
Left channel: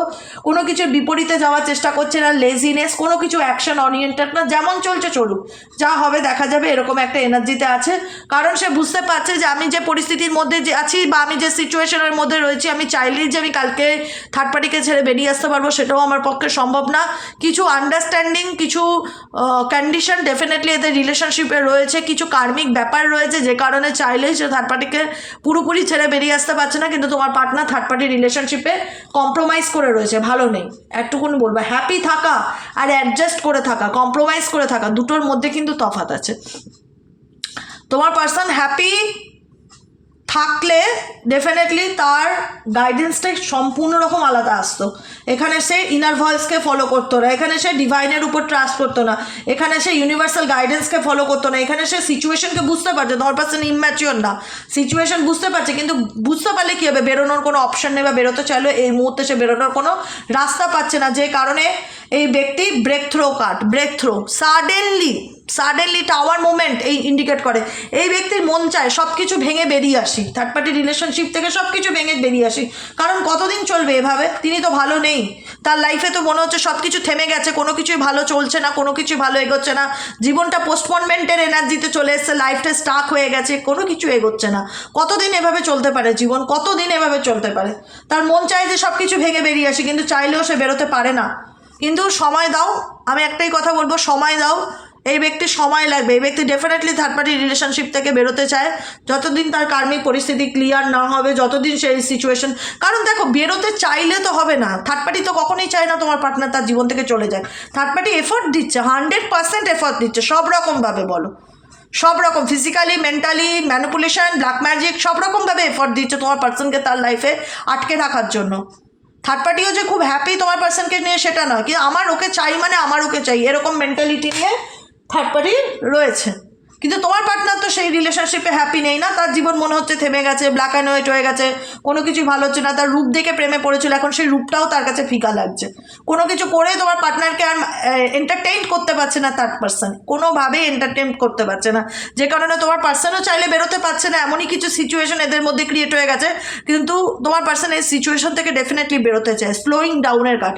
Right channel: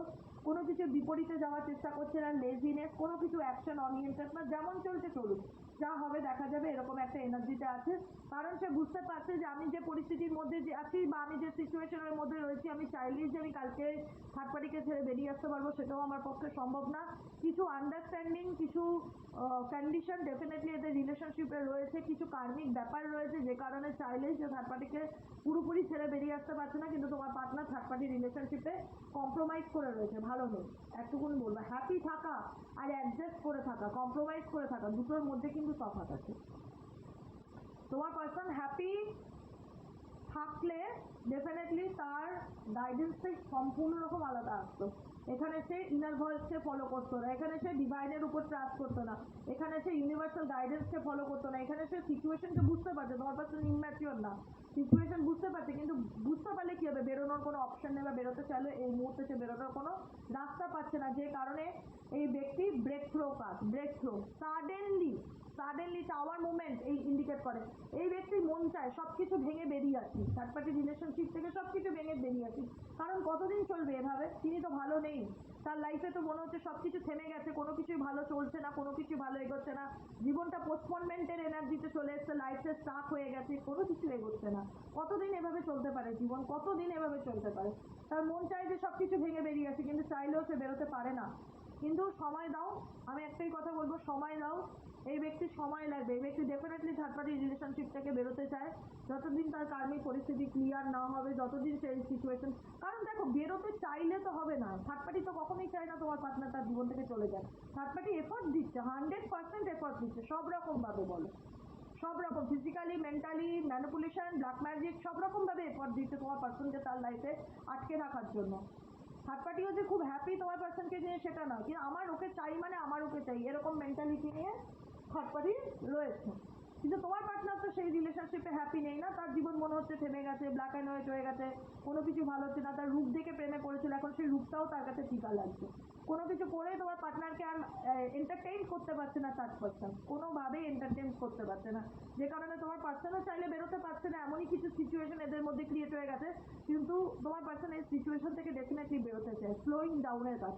কোনো কিছুর বিপরীতে যাওয়ার চেষ্টা করছে না লেজিনেস কোনো কিছু অ্যাকশন অরিয়েন্টেড না, যেমন চলছে চলুক। যা হবে দেখা যাবে, এরকম একটা এনার্জিতে আছে। কারণ সে বুঝতে পারছে যে আমি যে পরিস্থিতির মধ্যে যে আছি বা আমি যে সিচুয়েশনের মধ্যে রয়েছি, আমি চাইলেই যে আমি কালকে থার্ড পার্টিকে ছেড়ে বেরিয়ে আসতে পারব সেটাও আমার পক্ষে সম্ভব না। কিছু আন্ডারস্ট্যান্ডিং কিছু কন্ডিশন ডেফিনেটলি এদের রিলেশনশিপে রয়েছে, কিছু কার্মিক ব্যাপার রয়েছে যে কারণে চাইলেই সে থার্ড পার্টিকে পুরোপুরি ছেড়ে বেরিয়ে আসতে পারছে না, কিন্তু তোমার পার্টনার থার্ড পার্টি রিলেশনশিপে কম্প্রোমাইজ করে রয়েছে, ভালো নেই। একটুকুনি বলব হ্যাপি থাকা আর অ্যাডজাস্ট করে থাকা কম্প্রোমাইজ করে থাকা, দুটোর মধ্যে কিন্তু তফাৎ আছে। তোমার পার্সন হ্যাপি থাকলে ডেফিনেটলি তার গাইডেন্সটাই সম্পূর্ণ রকম আলাদা আসতো। এখানে সে ইনার ভয়েসকে ফলো করতো না, এখানে সে ডিভাইনের উপর ট্রাস্ট করতো না, এখানে সে ইউনিভার্সাল গাইডেন্সকে ফলো করতো না, এখানে সে সিচুয়েশনকে বুঝতে পারছে, ধর পার্সন ইম্যাচিওর না সিচুয়েশন বুঝতে পারছে, কিন্তু বুঝতে পারলে কী হবে, বেরোনোর কোনো অপশন নেই বা বেরোতে চাইলে এই মুহূর্তে সে বেরোনোর কোনো রাস্তা পাচ্ছে না, যে কারণে এই ব্যক্তি breakthrough cut breakthrough suddenly suddenly tower movement এই ইন্ডিকেট করে। এই ব্যক্তির মন চায় সব কিছু ভেঙে বেরিয়ে আসি। থার্ড পার্টি রিলেশনশিপ থেকে সব কিছু ভেঙে বেরিয়ে আসি। কারণ কতদিন চলবে এভাবে? তিনি তো ভালো নেই। তার লাইফে তো মনে হচ্ছে সব কিছু থেমে গেছে, কোনো কিছুই ভালো চলছে না, কোনো কিছুই ভালো এগোচ্ছে না। জীবনটা পোস্টপনমেন্টের এনার্জিতে চলে এসছে লাইফটা স্টাক হয়ে গেছে, কোনো কিছু এগোচ্ছে না। কতদিন এভাবে চলতে পারে জীবন? কতদিন এভাবে চলতে পারে? তার মন চায় যে সব কিছু ভেঙে বেরিয়ে আসি, কিন্তু চাইলেও সে বেরোতে পারে না। কিন্তু সময় দাও, আমি একটাই কথা বলব, সময় দাও। এই ব্যক্তির সময় লাগবে। এই ব্যক্তি ডেফিনেটলি থার্ড পার্টি রিলেশনশিপ থেকে বেরোতে চায়। যতদিন তার কার্মিক পরিস্থিতি ক্লিয়ার না হবে, যতদিন সেই সিচুয়েশন কারণ দেখো, বেরোতে চাইলে তো হবে না। থার্ড পার্টি তো কখনোই চায় না তোমার পার্টনার তার জীবন থেকে চলে যায়। থার্ড পার্টি এফোর্ট দিচ্ছে হান্ড্রেড পার্সেন্ট এফোর্ট দিচ্ছে, সব রকমভাবে বলো। সব রকম physically mentally manipulation black magic সব রকমভাবে এফোর্ট দিচ্ছে তোমার পার্সনকে তার লাইফে আটকে রাখার জন্য। থার্ড পার্টিও যে খুব হ্যাপি তোমার পার্সনকে নিয়ে সেটা নয়। কিন্তু আমার ওকে চাই মানে আমার ওকে চাই। এরকম মেন্টালিটি নিয়ে থার্ড পার্টি রয়েছে। কিন্তু তোমার পার্টনার তো সেই রিলেশনশিপে হ্যাপি নেই না? তার জীবন মনে হচ্ছে থেমে গেছে ব্ল্যাক অ্যান্ড হোয়াইট হয়ে গেছে, কোনো কিছু ভালো হচ্ছে না। তার রূপ দেখে প্রেমে পড়েছিল, এখন সেই রূপটাও তার কাছে ফিকা লাগছে। কোনো কিছু করে তোমার পার্টনারকে আর এন্টারটেইন করতে পারছে না থার্ড পার্সন কোনোভাবেই এন্টারটেইন করতে পারছে না। যে কারণে তোমার পার্সনও চাইলে বেরোতে পারছে না। এমনই কিছু সিচুয়েশন এদের মধ্যে ক্রিয়েট হয়ে গেছে। কিন্তু তোমার পার্সন এই সিচুয়েশন থেকে ডেফিনেটলি বেরোতে চায়। স্লোয়িং ডাউনের কাট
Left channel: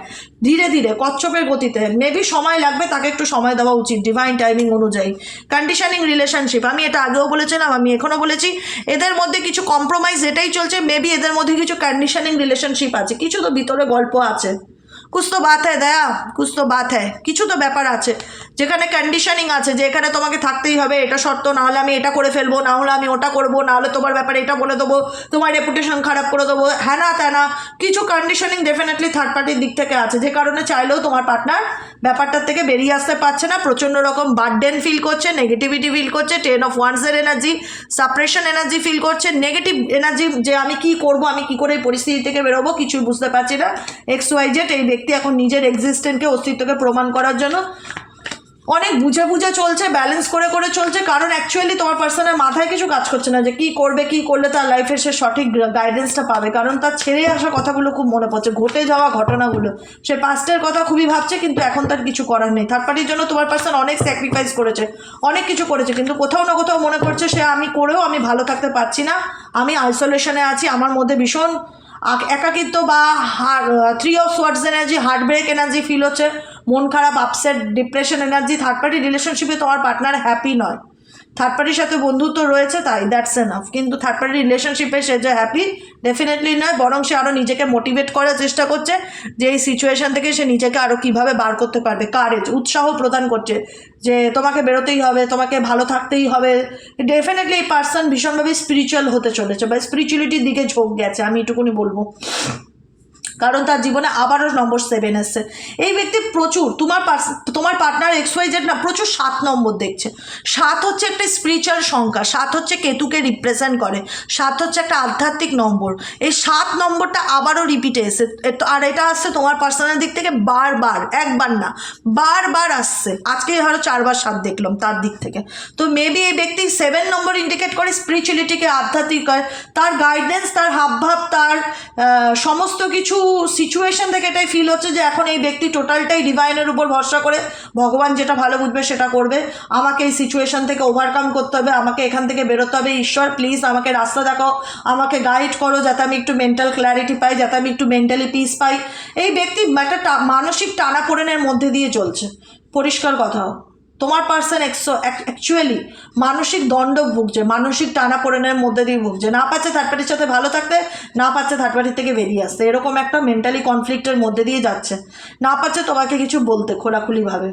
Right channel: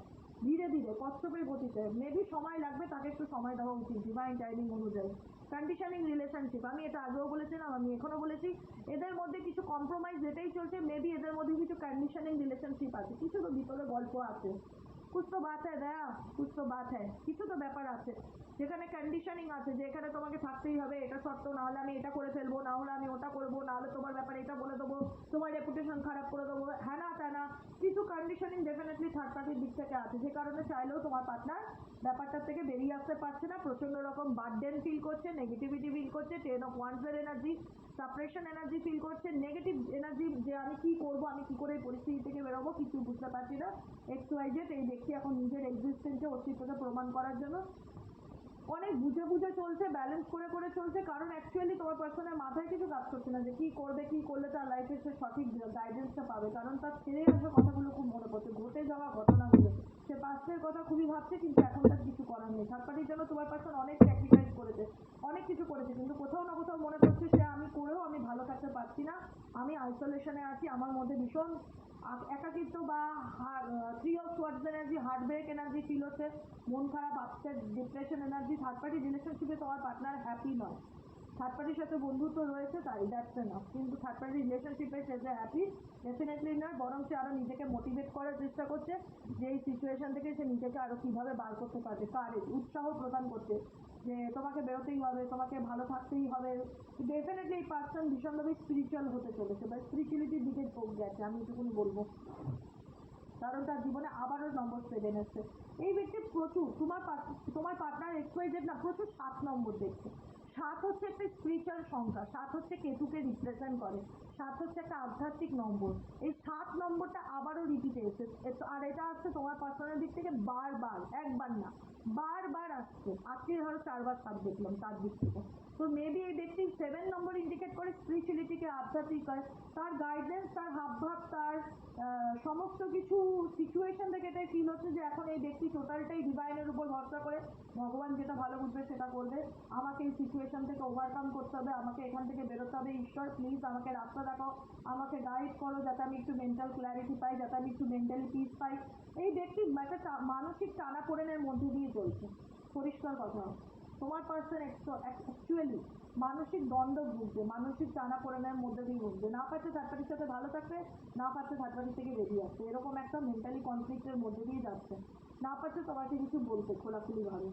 ধীরে ধীরে, কচ্ছপের গতিতে। মেবি সময় লাগবে, তাকে একটু সময় দেওয়া উচিত ডিভাইন টাইমিং অনুযায়ী। কন্ডিশনিং রিলেশনশিপ আমি এটা আগেও বলেছিলাম, আমি এখনও বলেছি। এদের মধ্যে কিছু কম্প্রোমাইজ এটাই চলছে মেবি এদের মধ্যে কিছু কন্ডিশনিং রিলেশনশিপ আছে। কিছু তো ভিতরে গল্প আছে। কুছ তো বাত হ্যাঁ দয়া কুছ তো বাত হ্যাঁ কিছু তো ব্যাপার আছে। যেখানে কন্ডিশনিং আছে, যে এখানে তোমাকে থাকতেই হবে, এটা শর্ত না হলে আমি এটা করে ফেলব না হলে আমি ওটা করব না হলে তোমার ব্যাপারে এটা বলে দেবো, তোমার রেপুটেশন খারাপ করে দেবো হ্যাঁ না ত্যানা, কিছু কন্ডিশনিং ডেফিনেটলি থার্ড পার্টির দিক থেকে আছে, যে কারণে চাইলেও তোমার পার্টনার ব্যাপারটার থেকে বেরিয়ে আসতে পারছে না, প্রচণ্ড রকম বার্ডেন ফিল করছে নেগেটিভিটি ফিল করছে টেন অফ ওয়ান্সের এনার্জি সাপ্রেশন এনার্জি ফিল করছে নেগেটিভ এনার্জি যে আমি কি করব, আমি কি করে এই পরিস্থিতি থেকে বেরোবো, কিছুই বুঝতে পারছি না এক্স ওয়াই জেড এই ব্যক্তি এখন নিজের এক্সিস্টেন্টকে অস্তিত্বকে প্রমাণ করার জন্য অনেক বুঝে বুঝে চলছে ব্যালেন্স করে করে চলছে, কারণ অ্যাকচুয়ালি তোমার পার্সনের মাথায় কিছু কাজ করছে না যে কী করবে, কী করলে তার লাইফে সে সঠিক গাইডেন্সটা পাবে। কারণ তার ছেড়ে আসা কথাগুলো খুব মনে পড়ছে, ঘটে যাওয়া ঘটনাগুলো। সে পাস্টের কথা খুবই ভাবছে, কিন্তু এখন তার কিছু করার নেই। থার্ড পার্টির জন্য তোমার পার্সন অনেক স্যাক্রিফাইস করেছে, অনেক কিছু করেছে, কিন্তু কোথাও না কোথাও মনে করছে সে আমি করেও আমি ভালো থাকতে পারছি না, আমি আইসোলেশনে আছি, আমার মধ্যে ভীষণ একাকিত্ব বা হার three of swords energy heart break energy feel হচ্ছে। খারাপ upset depression energy third party রিলেশনশিপে তোমার পার্টনার হ্যাপি নয়। থার্ড পার্টির সাথে বন্ধুত্ব রয়েছে তাই দ্যাটস এনাফ কিন্তু থার্ড পার্টি রিলেশনশিপে সে যে হ্যাপি ডেফিনেটলি নয়, বরং সে আরও নিজেকে মোটিভেট করার চেষ্টা করছে, যে এই সিচুয়েশন থেকে সে নিজেকে আরও কীভাবে বার করতে পারবে। কারেজ উৎসাহ প্রদান করছে, যে তোমাকে বেরোতেই হবে, তোমাকে ভালো থাকতেই হবে। ডেফিনেটলি এই পার্সন ভীষণভাবে স্পিরিচুয়াল হতে চলেছে বা স্পিরিচুয়ালিটির দিকে ঝোঁক গেছে, আমি এটুকুনি বলব। কারণ তার জীবনে আবারও নম্বর সেভেন এসছে। এই ব্যক্তি প্রচুর, তোমার তোমার পার্টনার এক্স ওয়াই জেড না, প্রচুর সাত নম্বর দেখছে। সাত হচ্ছে একটা স্পিরিচুয়াল সংখ্যা, সাত হচ্ছে কেতুকে রিপ্রেজেন্ট করে, সাত হচ্ছে একটা আধ্যাত্মিক নম্বর। এই সাত নম্বরটা আবারও রিপিটে এসে আর এটা আসছে তোমার পার্সোনাল দিক থেকে বারবার, একবার না, বারবার আসছে। আজকে ধরো চারবার সাত দেখলাম তার দিক থেকে। তো মেবি এই ব্যক্তি সেভেন নম্বর ইন্ডিকেট করে স্পিরিচুয়ালিটিকে আধ্যাত্মিক হয়, তার গাইডেন্স তার হাবভাব, তার সমস্ত কিছু সিচুয়েশন থেকে এটাই ফিল হচ্ছে যে এখন এই ব্যক্তি টোটালটাই ডিভাইনের উপর ভরসা করে ভগবান যেটা ভালো বুঝবে সেটা করবে। আমাকে এই সিচুয়েশন থেকে ওভারকাম করতে হবে, আমাকে এখান থেকে বেরোতে হবে। ঈশ্বর প্লিজ আমাকে রাস্তা দেখাও, আমাকে গাইড করো যাতে আমি একটু মেন্টাল ক্ল্যারিটি পাই, যাতে আমি একটু মেন্টালি পিস পাই। এই ব্যক্তি একটা মানসিক টানাপোড়েনের মধ্যে দিয়ে চলছে। পরিষ্কার কথা। তোমার পার্সন অ্যাকচুয়ালি মানসিক দণ্ড ভুগছে মানসিক টানা টানাপোড়েনের মধ্যে দিয়ে ভুগছে। না পাচ্ছে থার্ড পার্টির সাথে ভালো থাকতে, না পাচ্ছে থার্ড পার্টির থেকে বেরিয়ে আসতে। এরকম একটা মেন্টালি কনফ্লিক্টের মধ্যে দিয়ে যাচ্ছে। না পাচ্ছে তোমাকে কিছু বলতে খোলাখুলিভাবে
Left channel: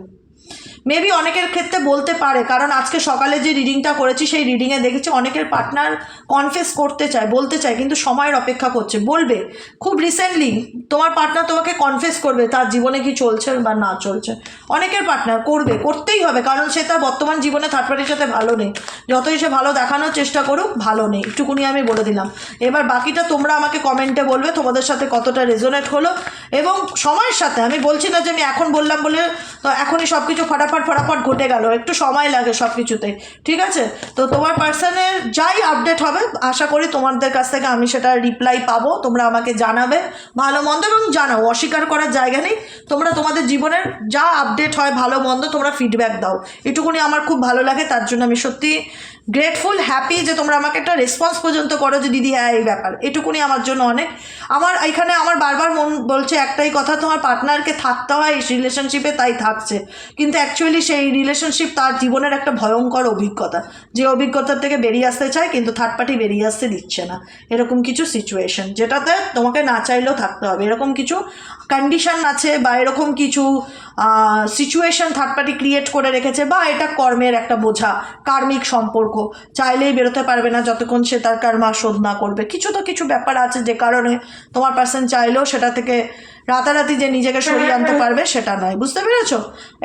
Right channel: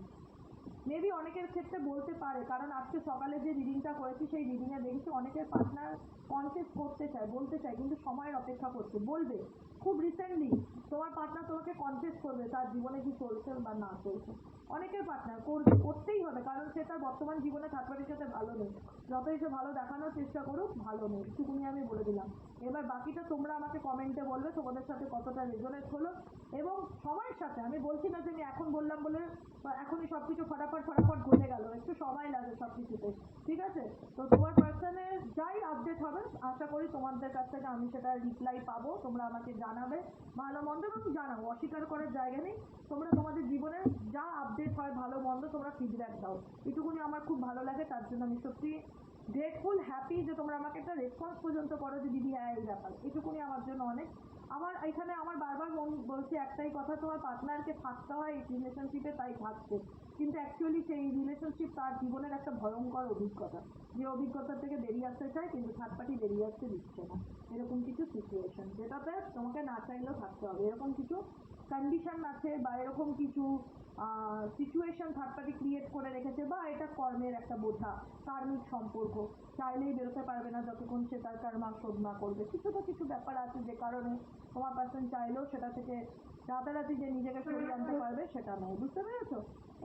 মেবি অনেকের ক্ষেত্রে বলতে পারে, কারণ আজকে সকালে যে রিডিংটা করেছি, সেই রিডিংয়ে দেখেছি অনেকের পার্টনার কনফেস করতে চায়, বলতে চায়, কিন্তু সময়ের অপেক্ষা করছে। বলবে, খুব রিসেন্টলি তোমার পার্টনার তোমাকে কনফেস করবে, তার জীবনে কি চলছে বা না চলছে? অনেকের পার্টনার করবে, করতেই হবে, কারণ সে তার বর্তমান জীবনে থার্ড পার্টির সাথে ভালো নেই। যতই সে ভালো দেখানোর চেষ্টা করুক, ভালো নেই। একটুকুনি আমি বলে দিলাম। এবার বাকিটা তোমরা আমাকে কমেন্টে বলবে, তোমাদের সাথে কতটা রেজোনেট হলো, এবং সময়ের সাথে, আমি বলছি না যে আমি এখন বললাম বলে, তো এখনই সব কিছু ফটাফট ফটাফট ফটাফট ঘটে গেল, একটু সময় লাগে সব কিছুতে ঠিক আছে? তো তোমার পার্সনের যাই আপডেট হবে, আশা করি তোমাদের কাছ থেকে আমি সেটা রিপ্লাই পাবো, তোমরা আমাকে জানাবে ভালো মন্দ এবং জানাও, অস্বীকার করার জায়গা নেই। তোমরা তোমাদের জীবনের যা আপডেট হয় ভালো মন্দ তোমরা ফিডব্যাক দাও। এটুকুনি আমার খুব ভালো লাগে, তার জন্য আমি সত্যি গ্রেটফুল হ্যাপি যে তোমরা আমাকে একটা রেসপন্স পর্যন্ত করো যে, দিদি হ্যাঁ এই ব্যাপার। এটুকুনি আমার জন্য অনেক। আমার এখানে আমার বারবার মন বলছে একটাই কথা, তোমার পার্টনারকে থাকতে হয়, এই রিলেশনশিপে তাই থাকছে। কিন্তু অ্যাকচুয়ালি সেই রিলেশনশিপ তার জীবনের একটা ভয়ঙ্কর অভিজ্ঞতা, যে অভিজ্ঞতার থেকে বেরিয়ে আসতে চায় কিন্তু থার্ড পার্টি বেরিয়ে আসতে দিচ্ছে না। এরকম কিছু সিচুয়েশন যেটাতে তোমাকে না চাইলেও থাকতে হবে। এরকম কিছু কন্ডিশন আছে বা এরকম কিছু সিচুয়েশন থার্ড পার্টি ক্রিয়েট করে রেখেছে বা এটা কর্মের একটা বোঝা, কার্মিক সম্পর্ক। চাইলেই বেরোতে পারবে না যতক্ষণ সে তার কর্মা শোধ না করবে। কিছু তো কিছু ব্যাপার আছে যে কারণে তোমার পার্সন চাইলেও সেটা থেকে রাতারাতি যে নিজেকে সরিয়ে আনতে পারবে সেটা নয়। বুঝতে পেরেছ?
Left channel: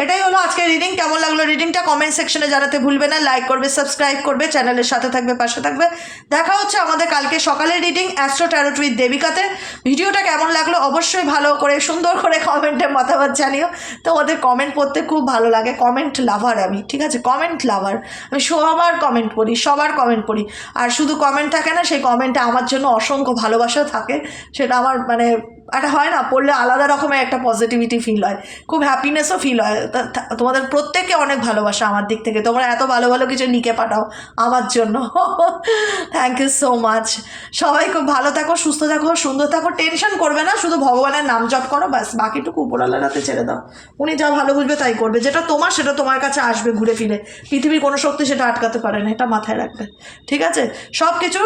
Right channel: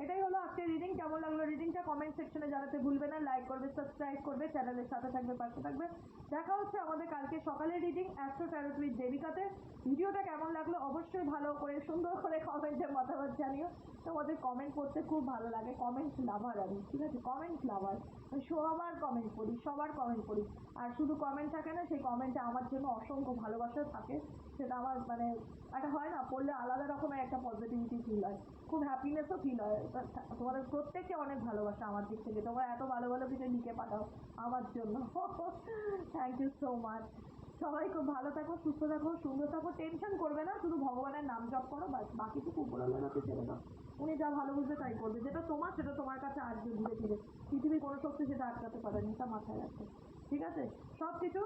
এটাই হলো আজকে রিডিং কেমন লাগল রিডিংটা কমেন্ট সেকশনে জানাতে ভুলবে না। লাইক করবে সাবস্ক্রাইব করবে চ্যানেলের সাথে থাকবে পাশে থাকবে। দেখা হচ্ছে আমাদের কালকে সকালের রিডিং অ্যাস্ট্রো ট্যারোট উইথ দেবিকাতে ভিডিওটা কেমন লাগল? অবশ্যই ভালো করে সুন্দর করে কমেন্টে মতামত জানিও। তো ওদের কমেন্ট পড়তে খুব ভালো লাগে। কমেন্ট লাভার আমি ঠিক আছে? কমেন্ট লাভার আমি সবার কমেন্ট পড়ি সবার কমেন্ট পড়ি। আর শুধু কমেন্ট থাকে না সেই কমেন্টে আমার জন্য অসংখ্য ভালোবাসা থাকে। সেটা আমার মানে একটা হয় না, পড়লে আলাদা রকমের একটা পজিটিভিটি ফিল হয়। খুব হ্যাপিনেসও ফিল হয়। তোমাদের প্রত্যেককে অনেক ভালোবাসা আমার দিক থেকে। তোমরা এত ভালো ভালো কিছু নিকে পাঠাও আমার জন্য। থ্যাংক ইউ সো মাচ সবাই খুব ভালো থাকো, সুস্থ থাকো, সুন্দর থাকো। টেনশন করবে না, শুধু ভগবানের নাম জপ করো, ব্যাস। বাকিটুকু উপরওয়ালার হাতে ছেড়ে দাও। উনি যা ভালো বুঝবে তাই করবে। যেটা তোমার, সেটা তোমার কাছে আসবে ঘুরে ফিরে। পৃথিবীর কোনো শক্তি সেটা আটকাতে পারে না, এটা মাথায় রাখবে। ঠিক আছে? সব কিছু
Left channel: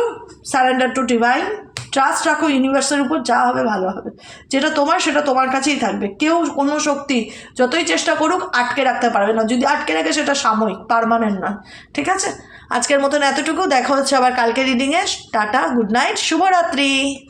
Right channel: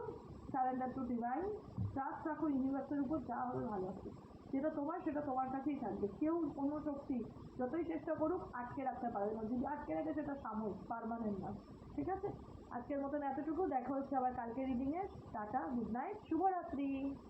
সারেন্ডার টু ডিভাইন ট্রাস্ট রাখো ইউনিভার্সের উপর, যা হবে ভালো হবে। যেটা তোমার, সেটা তোমার কাছেই থাকবে। কেউ কোনো শক্তি যতই চেষ্টা করুক, আটকে রাখতে পারবে না। যদি আটকে রাখে, সেটা সাময়িক পারমানেন্ট নয়। ঠিক আছে? আজকের মতন এতটুকু। দেখা হচ্ছে আবার কালকে রিডিংয়ে টাটা গুড নাইট শুভরাত্রি।